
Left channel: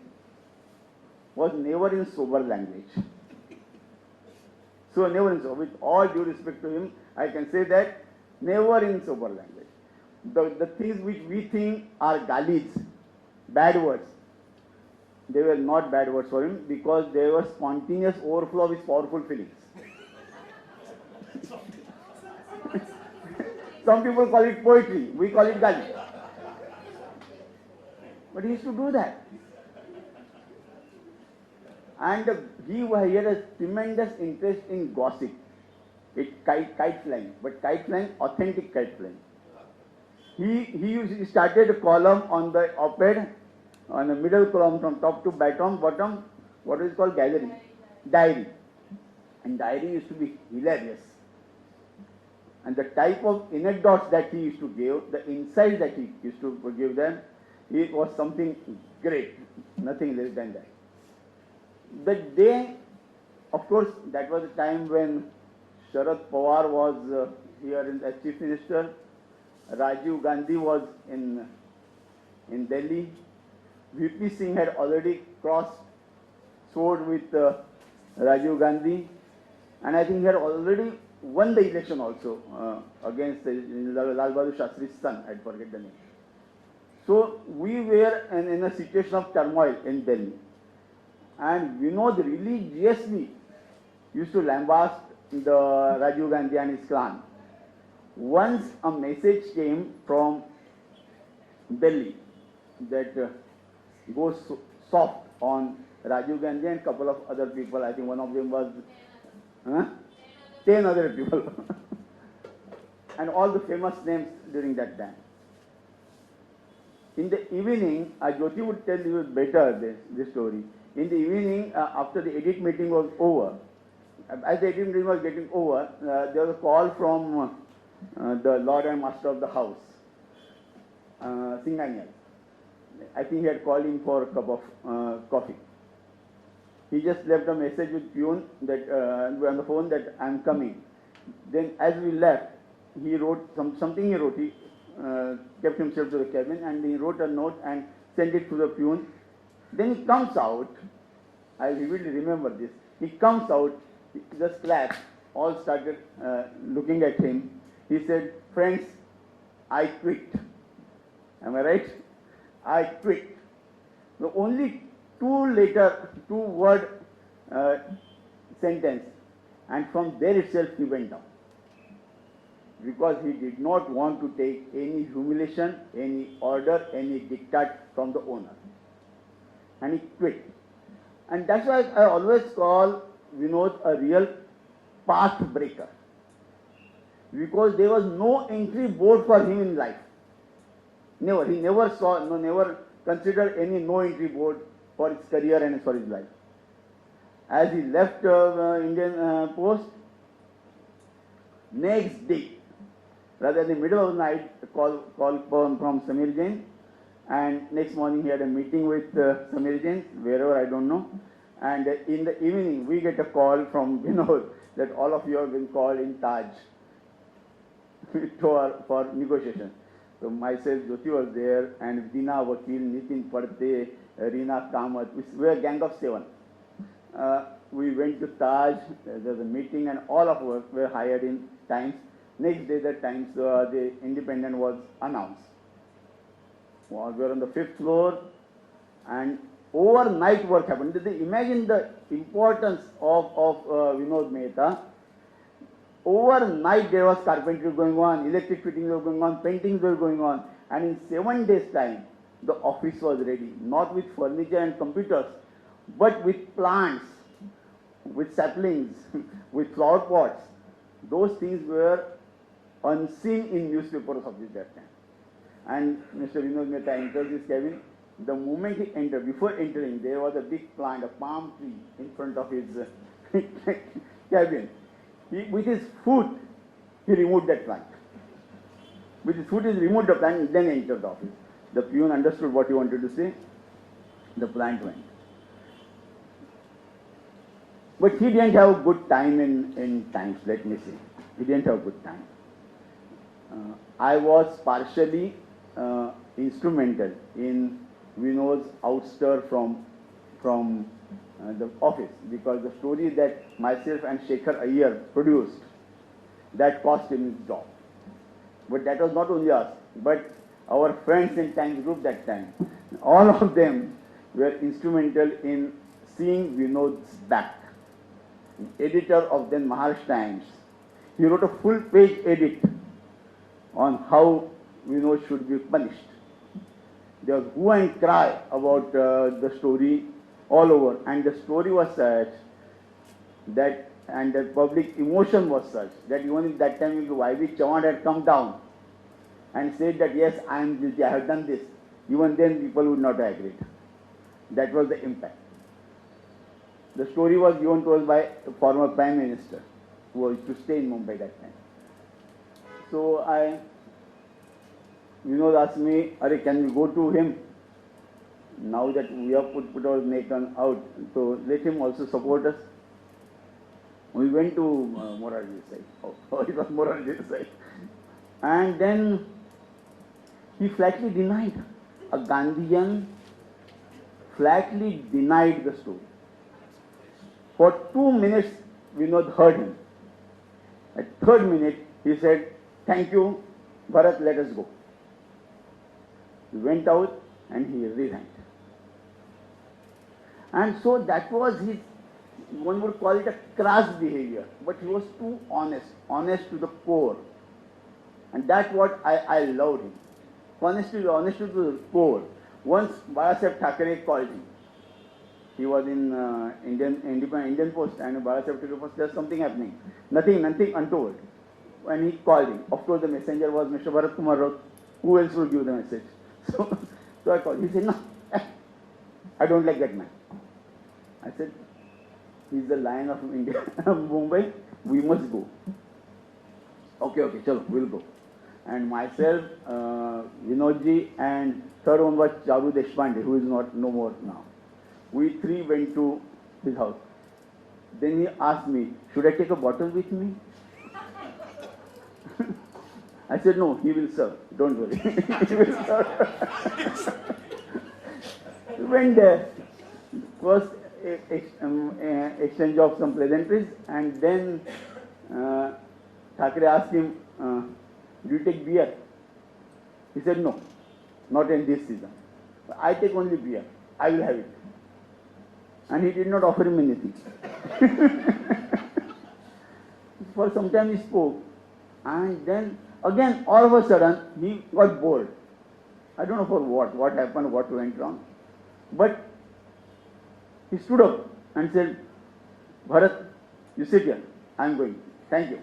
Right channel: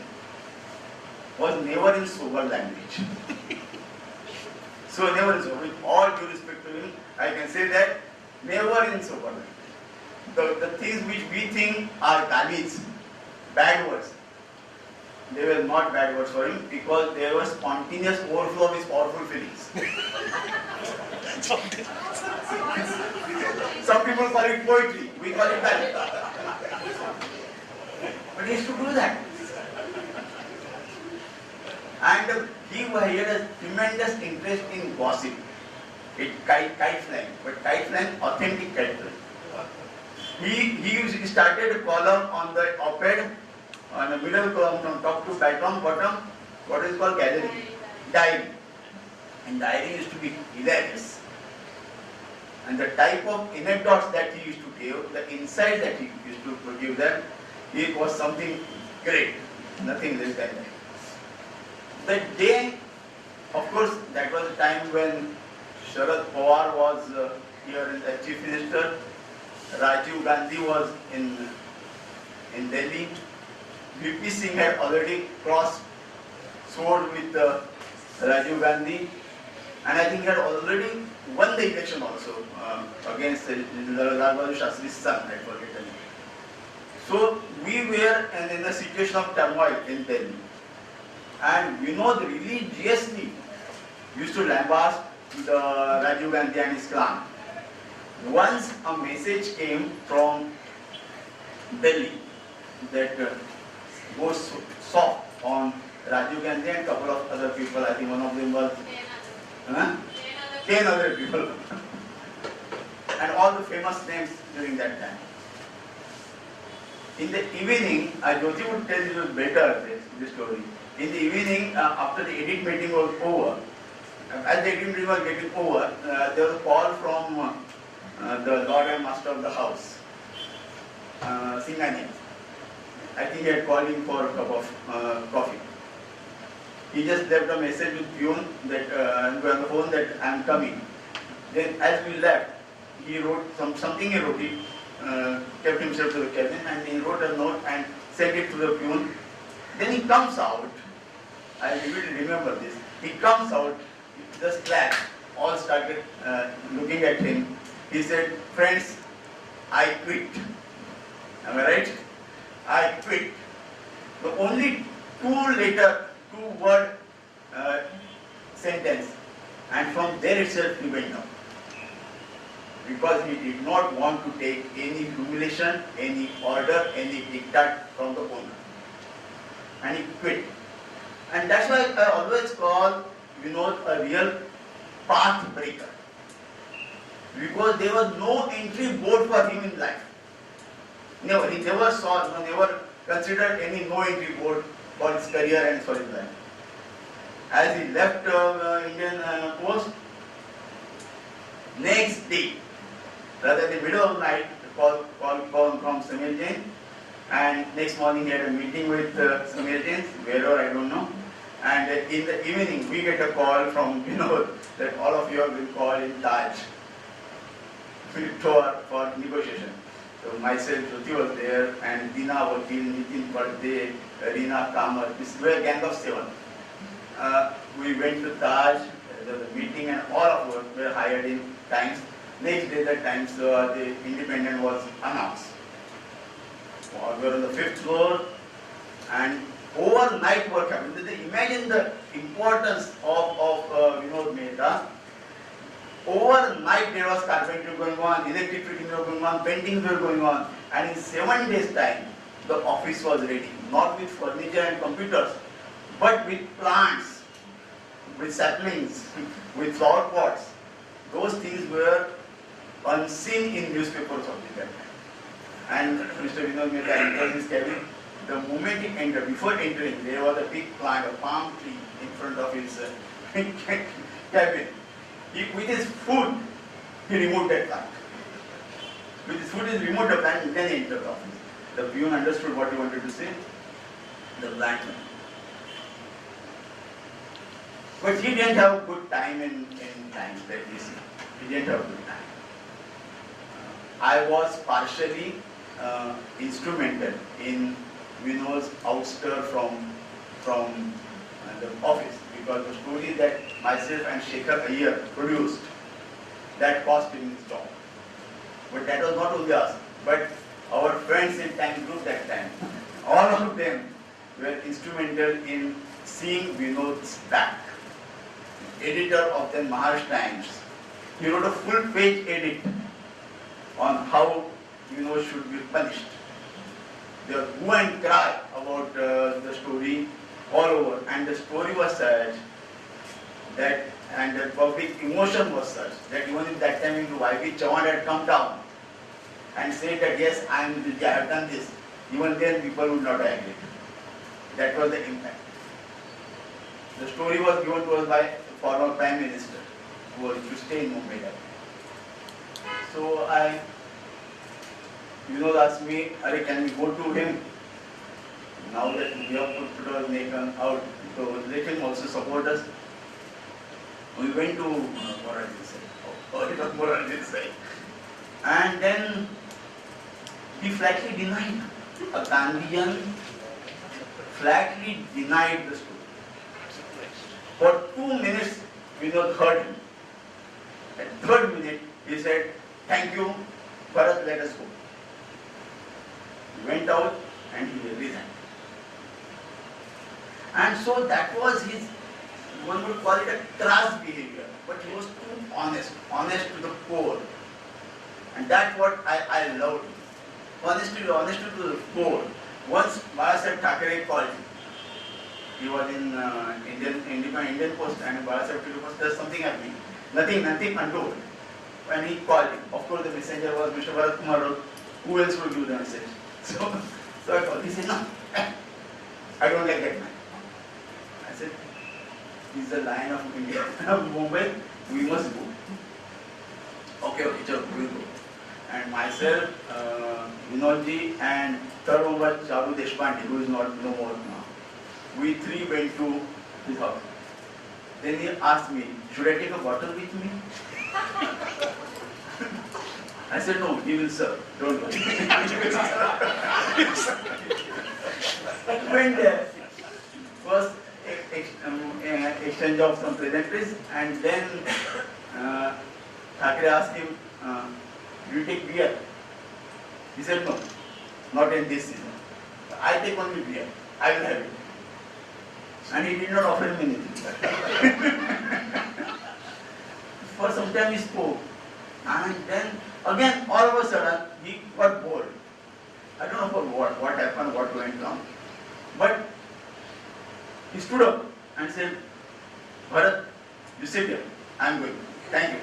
was never in sober language. So never in sober. With all due respect to him, I can say that never in sober language. The things which we think are galis, bad words, they were not bad words for him because they were spontaneous overflow of his powerful feelings. Some people call it poetry, we call it gali. But he used to do that. And he had a tremendous interest in gossip. Kite flying, but kite flying, authentic kite flying. He started a column on the op-ed, on the middle column from top to bottom, what is called diary. And diary used to be hilarious. and the type of anecdotes that he used to give, the insights that he used to give them, it was something great, nothing less than that. The day, of course, that was the time when Sharad Pawar was here as Chief Minister, Rajiv Gandhi was in Delhi, VP Singh had already crossed sword with Rajiv Gandhi, and I think he had already won the election also against Lal Bahadur Shastri's son, I forget the name. So we were in a situation of turmoil in Delhi, and Vinod religiously used to lambast the Rajiv Gandhi and his clan. Once a message came from Delhi that goes soft on Rajiv Gandhi and a couple of other people. I think one of them was 10 other people and all the famous names during that time. In the evening, Jyoti would tell you better this story. In the evening, after the edit meeting was over, as the edit meeting was getting over, there was a call from the Lord and Master of the house, Singhania. I think he had called him for a cup of coffee. He just left a message with Pune that on the phone that I am coming. Then as we left, he wrote something he wrote. He kept himself to the cabin and he wrote a note and sent it to the Pune. Then he comes out. I vividly remember this. He comes out, just clapped, all started looking at him. He said, "Friends, I quit." Am I right? I quit. The only two-word sentence, and from there itself he went down. Because he did not want to take any humiliation, any order, any diktat from the owner. And he quit. And that's why I always call Vinod a real path breaker. Because there was no entry board for him in life. Never. He never never considered any no entry board for his career and for his life. As he left Indian post, next day, rather in the middle of the night, call from Samir Jain, and next morning he had a meeting with Samir Jain, wherever I don't know, and in the evening we get a call from Vinod that all of you have been called in Taj for negotiation. So myself, Jyoti was there, and Dina Vakil, Nitin Pardey, Reena Kamar, we were a gang of 7. We went to Taj, there was a meeting, and all of us were hired in Times. Next day the Times, the Independent was announced. We were on the 5th floor, and overnight work happened. Imagine the importance of Vinod Mehta. Overnight there was carpentry going on, electric fittings were going on, paintings were going on, and in 7 days' time the office was ready, not with furniture and computers, but with plants, with saplings, with flower pots. Those things were unseen in newspapers of the time. And Mr. Vinod Mehta enters his cabin. The moment he entered, before entering, there was a big plant, a palm tree in front of his cabin. With his foot, he removed that plant. With his foot, he removed the plant and then entered the office. The peon understood what he wanted to say. The plant went. But he didn't have a good time in Times, let me say. He didn't have a good time. I was partially instrumental in Vinod's ouster from the office, because the story that myself and Shekhar Iyer produced, that cost him his job. But that was not only us, but our friends in Times Group that time. All of them were instrumental in seeing Vinod's back. Editor of the Maharashtra Times, he wrote a full page edit on how Vinod should be punished. There was hue and cry about the story all over, and the story was such that, and the public emotion was such that even at that time if Y.V. Chavan had come down and said that yes, I am guilty, I have done this, even then people would not agree. That was the impact. The story was given to us by the former Prime Minister, who was to stay in Mumbai that time. So Vinod asked me, "Are can we go to him? Now that we have put our nation out, so let him also support us." We went to Moradi side. Oh, it was Moradi side. And then he flatly denied. A Gandhian flatly denied the story. For 2 minutes, Vinod heard him. At third minute, he said, "Thank you, Bharat, let us go." He went out and he resigned. And so that was his, one would call it a crass behavior, but he was too honest to the core. And that's what I loved him. Honesty to the core. Once Balasaheb Thackeray called him. He was in Indian Post, and Balasaheb Thackeray was, "There's something happening. Nothing untoward." And he called him. Of course, the messenger was Mr. Bharat Kumar Raut. Who else would give the message? So I called. He said, "No, I don't like that man." I said, "He's the lion of India, Mumbai. We must go." Okay, chalo, we'll go. And myself, Vinodji, and third one was Charu Deshpande, who is no more now. We three went to his house. Then he asked me, "Should I take a bottle with me?" I said, "No, he will serve. Don't worry." He will serve. Went there. First exchange of some pleasantries, and then Thackeray asked him, "Do you take beer?" He said, "No, not in this season. I take only beer. I will have it." And he did not offer him anything. For some time he spoke, and then again all of a sudden he got bored. I don't know for what happened, what went wrong. But he stood up and said, "Bharat, you sit here. I am going. Thank you."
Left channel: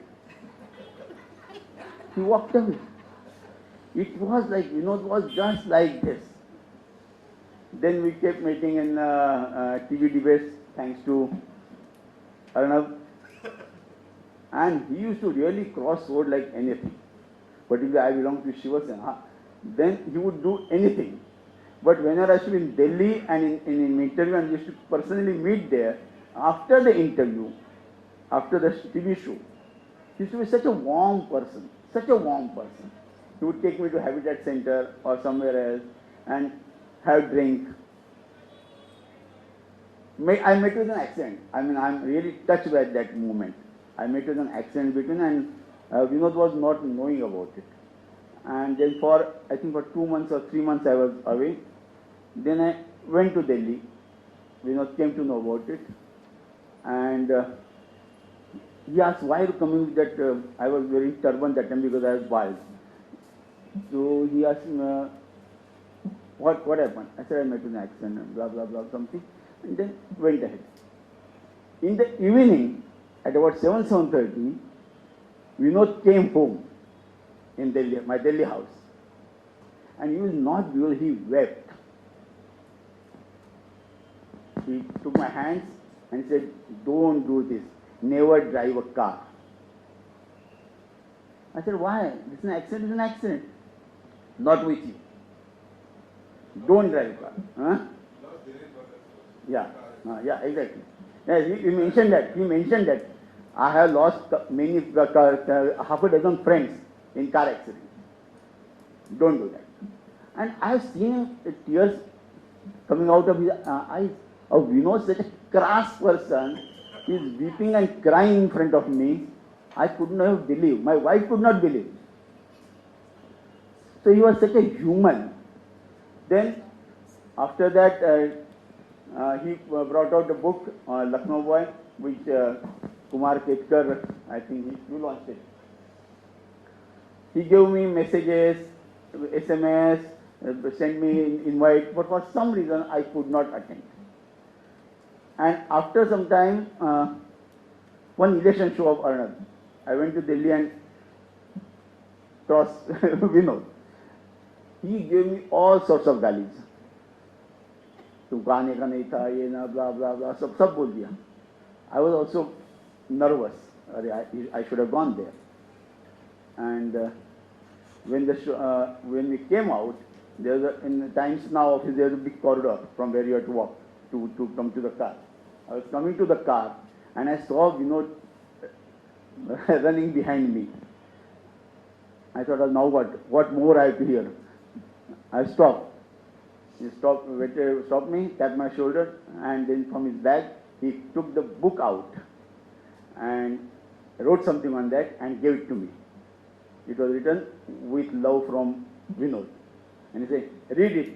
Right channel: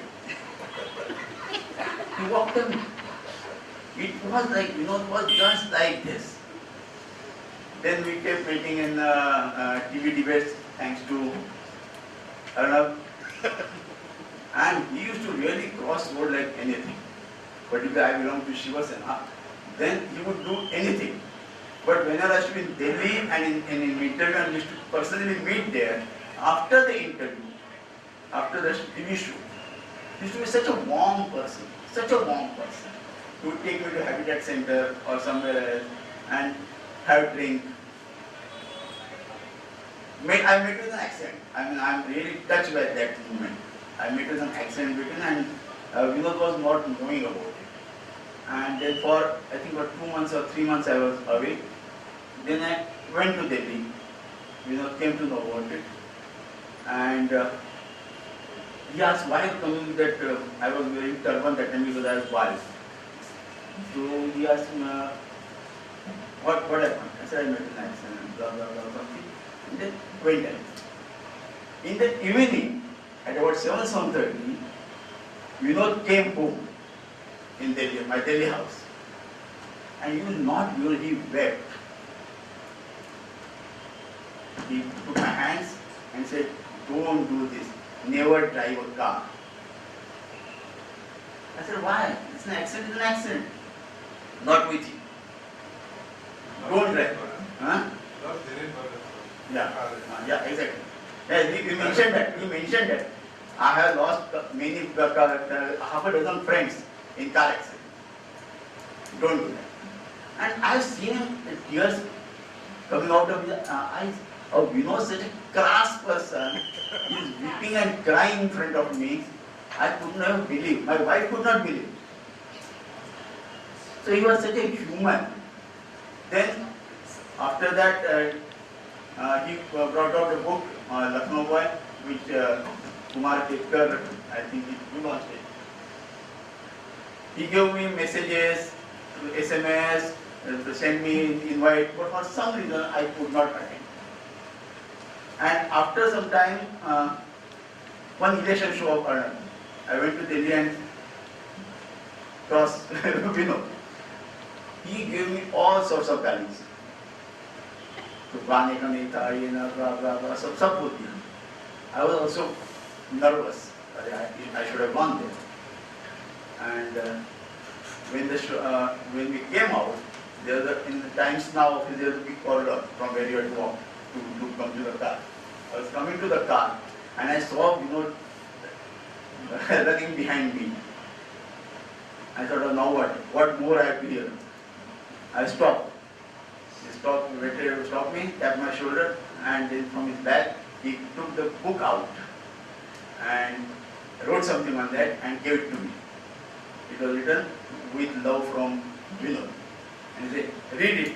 He walked away. It was like, it was just like this. Then we kept meeting in TV debates, thanks to Arnab. And he used to really cross road like anything. Particularly I belong to Shiva Sena. Then he would do anything. But when I was in Delhi and in interview, and used to personally meet there, after the interview, after the TV show, he used to be such a warm person. He would take me to Habitat Center or somewhere else and have drink. I met with an accent. I mean, I'm really touched by that moment. I met with an accent between, and Vinod was not knowing about it. And then I think for 2 months or 3 months I was away. Then I went to Delhi. Vinod came to know about it. And he asked why you coming, that I was wearing turban that time because I was bald. So he asked me, what happened? I said, "I met an accident, blah, blah, blah, something." And then went ahead. In the evening, at about 7:30, Vinod came home in Delhi, my Delhi house. And he was not beautiful, he wept. He took my hands and said, "Don't do this. Never drive a car." I said, "Why? It's an accident, it's an accident. Not with you. Don't drive." Huh? Yeah, exactly. Yeah, he mentioned that. He mentioned that. I have lost many, half a dozen friends in car accident. Don't do that. And I have seen him with tears coming out of his eyes. Oh, such a crass person is weeping and crying in front of me. I could not believe. My wife could not believe. So he was such a human. Then, after that, he brought out a book, Lucknow Boy, which Kumar Ketkar, I think he launched it. He gave me messages, SMS, sent me invite, but for some reason I could not attend. And after some time, one election show of Arnab, I went to Delhi and crossed Vinod. He gave me all sorts of values. तो गाने का नहीं था, ये ना, blah blah blah, सब बोल दिया. I was also nervous. I should have gone there. And when we came out, in the Times Now office there was a big corridor from where you had to walk to come to the car. I was coming to the car and I saw Vinod running behind me. I thought, oh, now what? What more I have to hear? I stopped. He stopped me, tapped my shoulder, and then from his bag he took the book out and wrote something on that and gave it to me. It was written with love from Vinod. And he said, read it,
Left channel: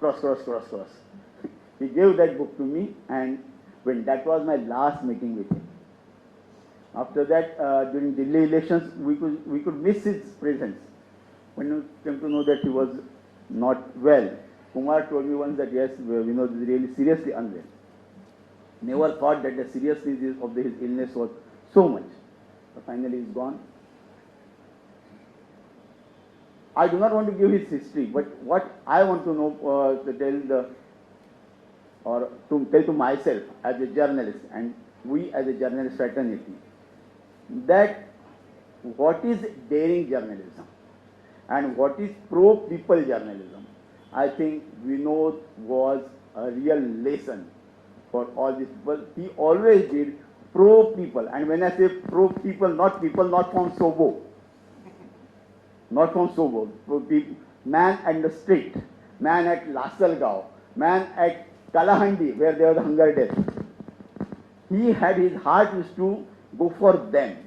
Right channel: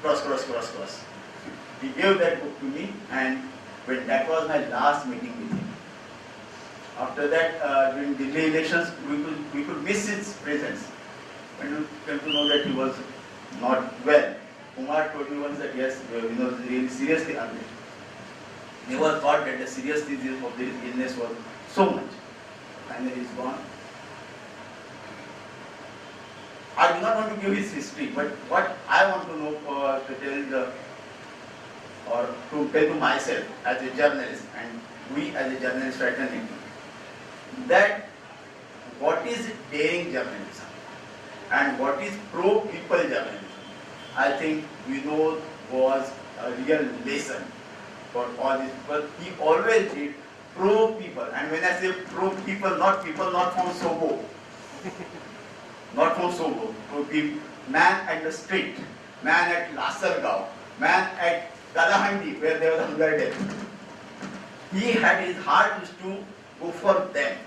cross, cross, cross, cross. He gave that book to me, and when that was my last meeting with him. After that, during Delhi elections, we could miss his presence. When we came to know that he was not well, Kumar told me once that yes, Vinod is really seriously unwell. Never thought that the seriousness of his illness was so much. Finally, he's gone. I do not want to give his history, but what I want to know to tell to myself as a journalist, and we as a journalist fraternity, that what is daring journalism and what is pro-people journalism. I think Vinod was a real lesson for all these people. He always did pro-people, and when I say pro-people not from Sobo, not from Sobo, pro-people, man at the street, man at Lasargao, man at Kalahandi where there was hunger death. He had his heart was to go for them.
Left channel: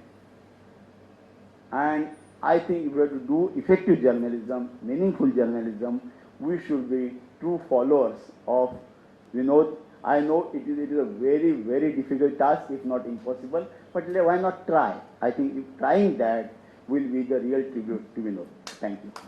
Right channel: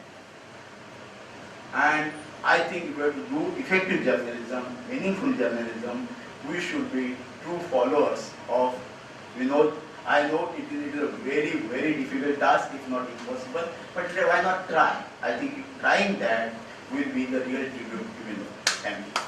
And I think if we have to do effective journalism, meaningful journalism, we should be true followers of Vinod. I know it is a very, very difficult task, if not impossible, but why not try? I think trying that will be the real tribute to Vinod. Thank you.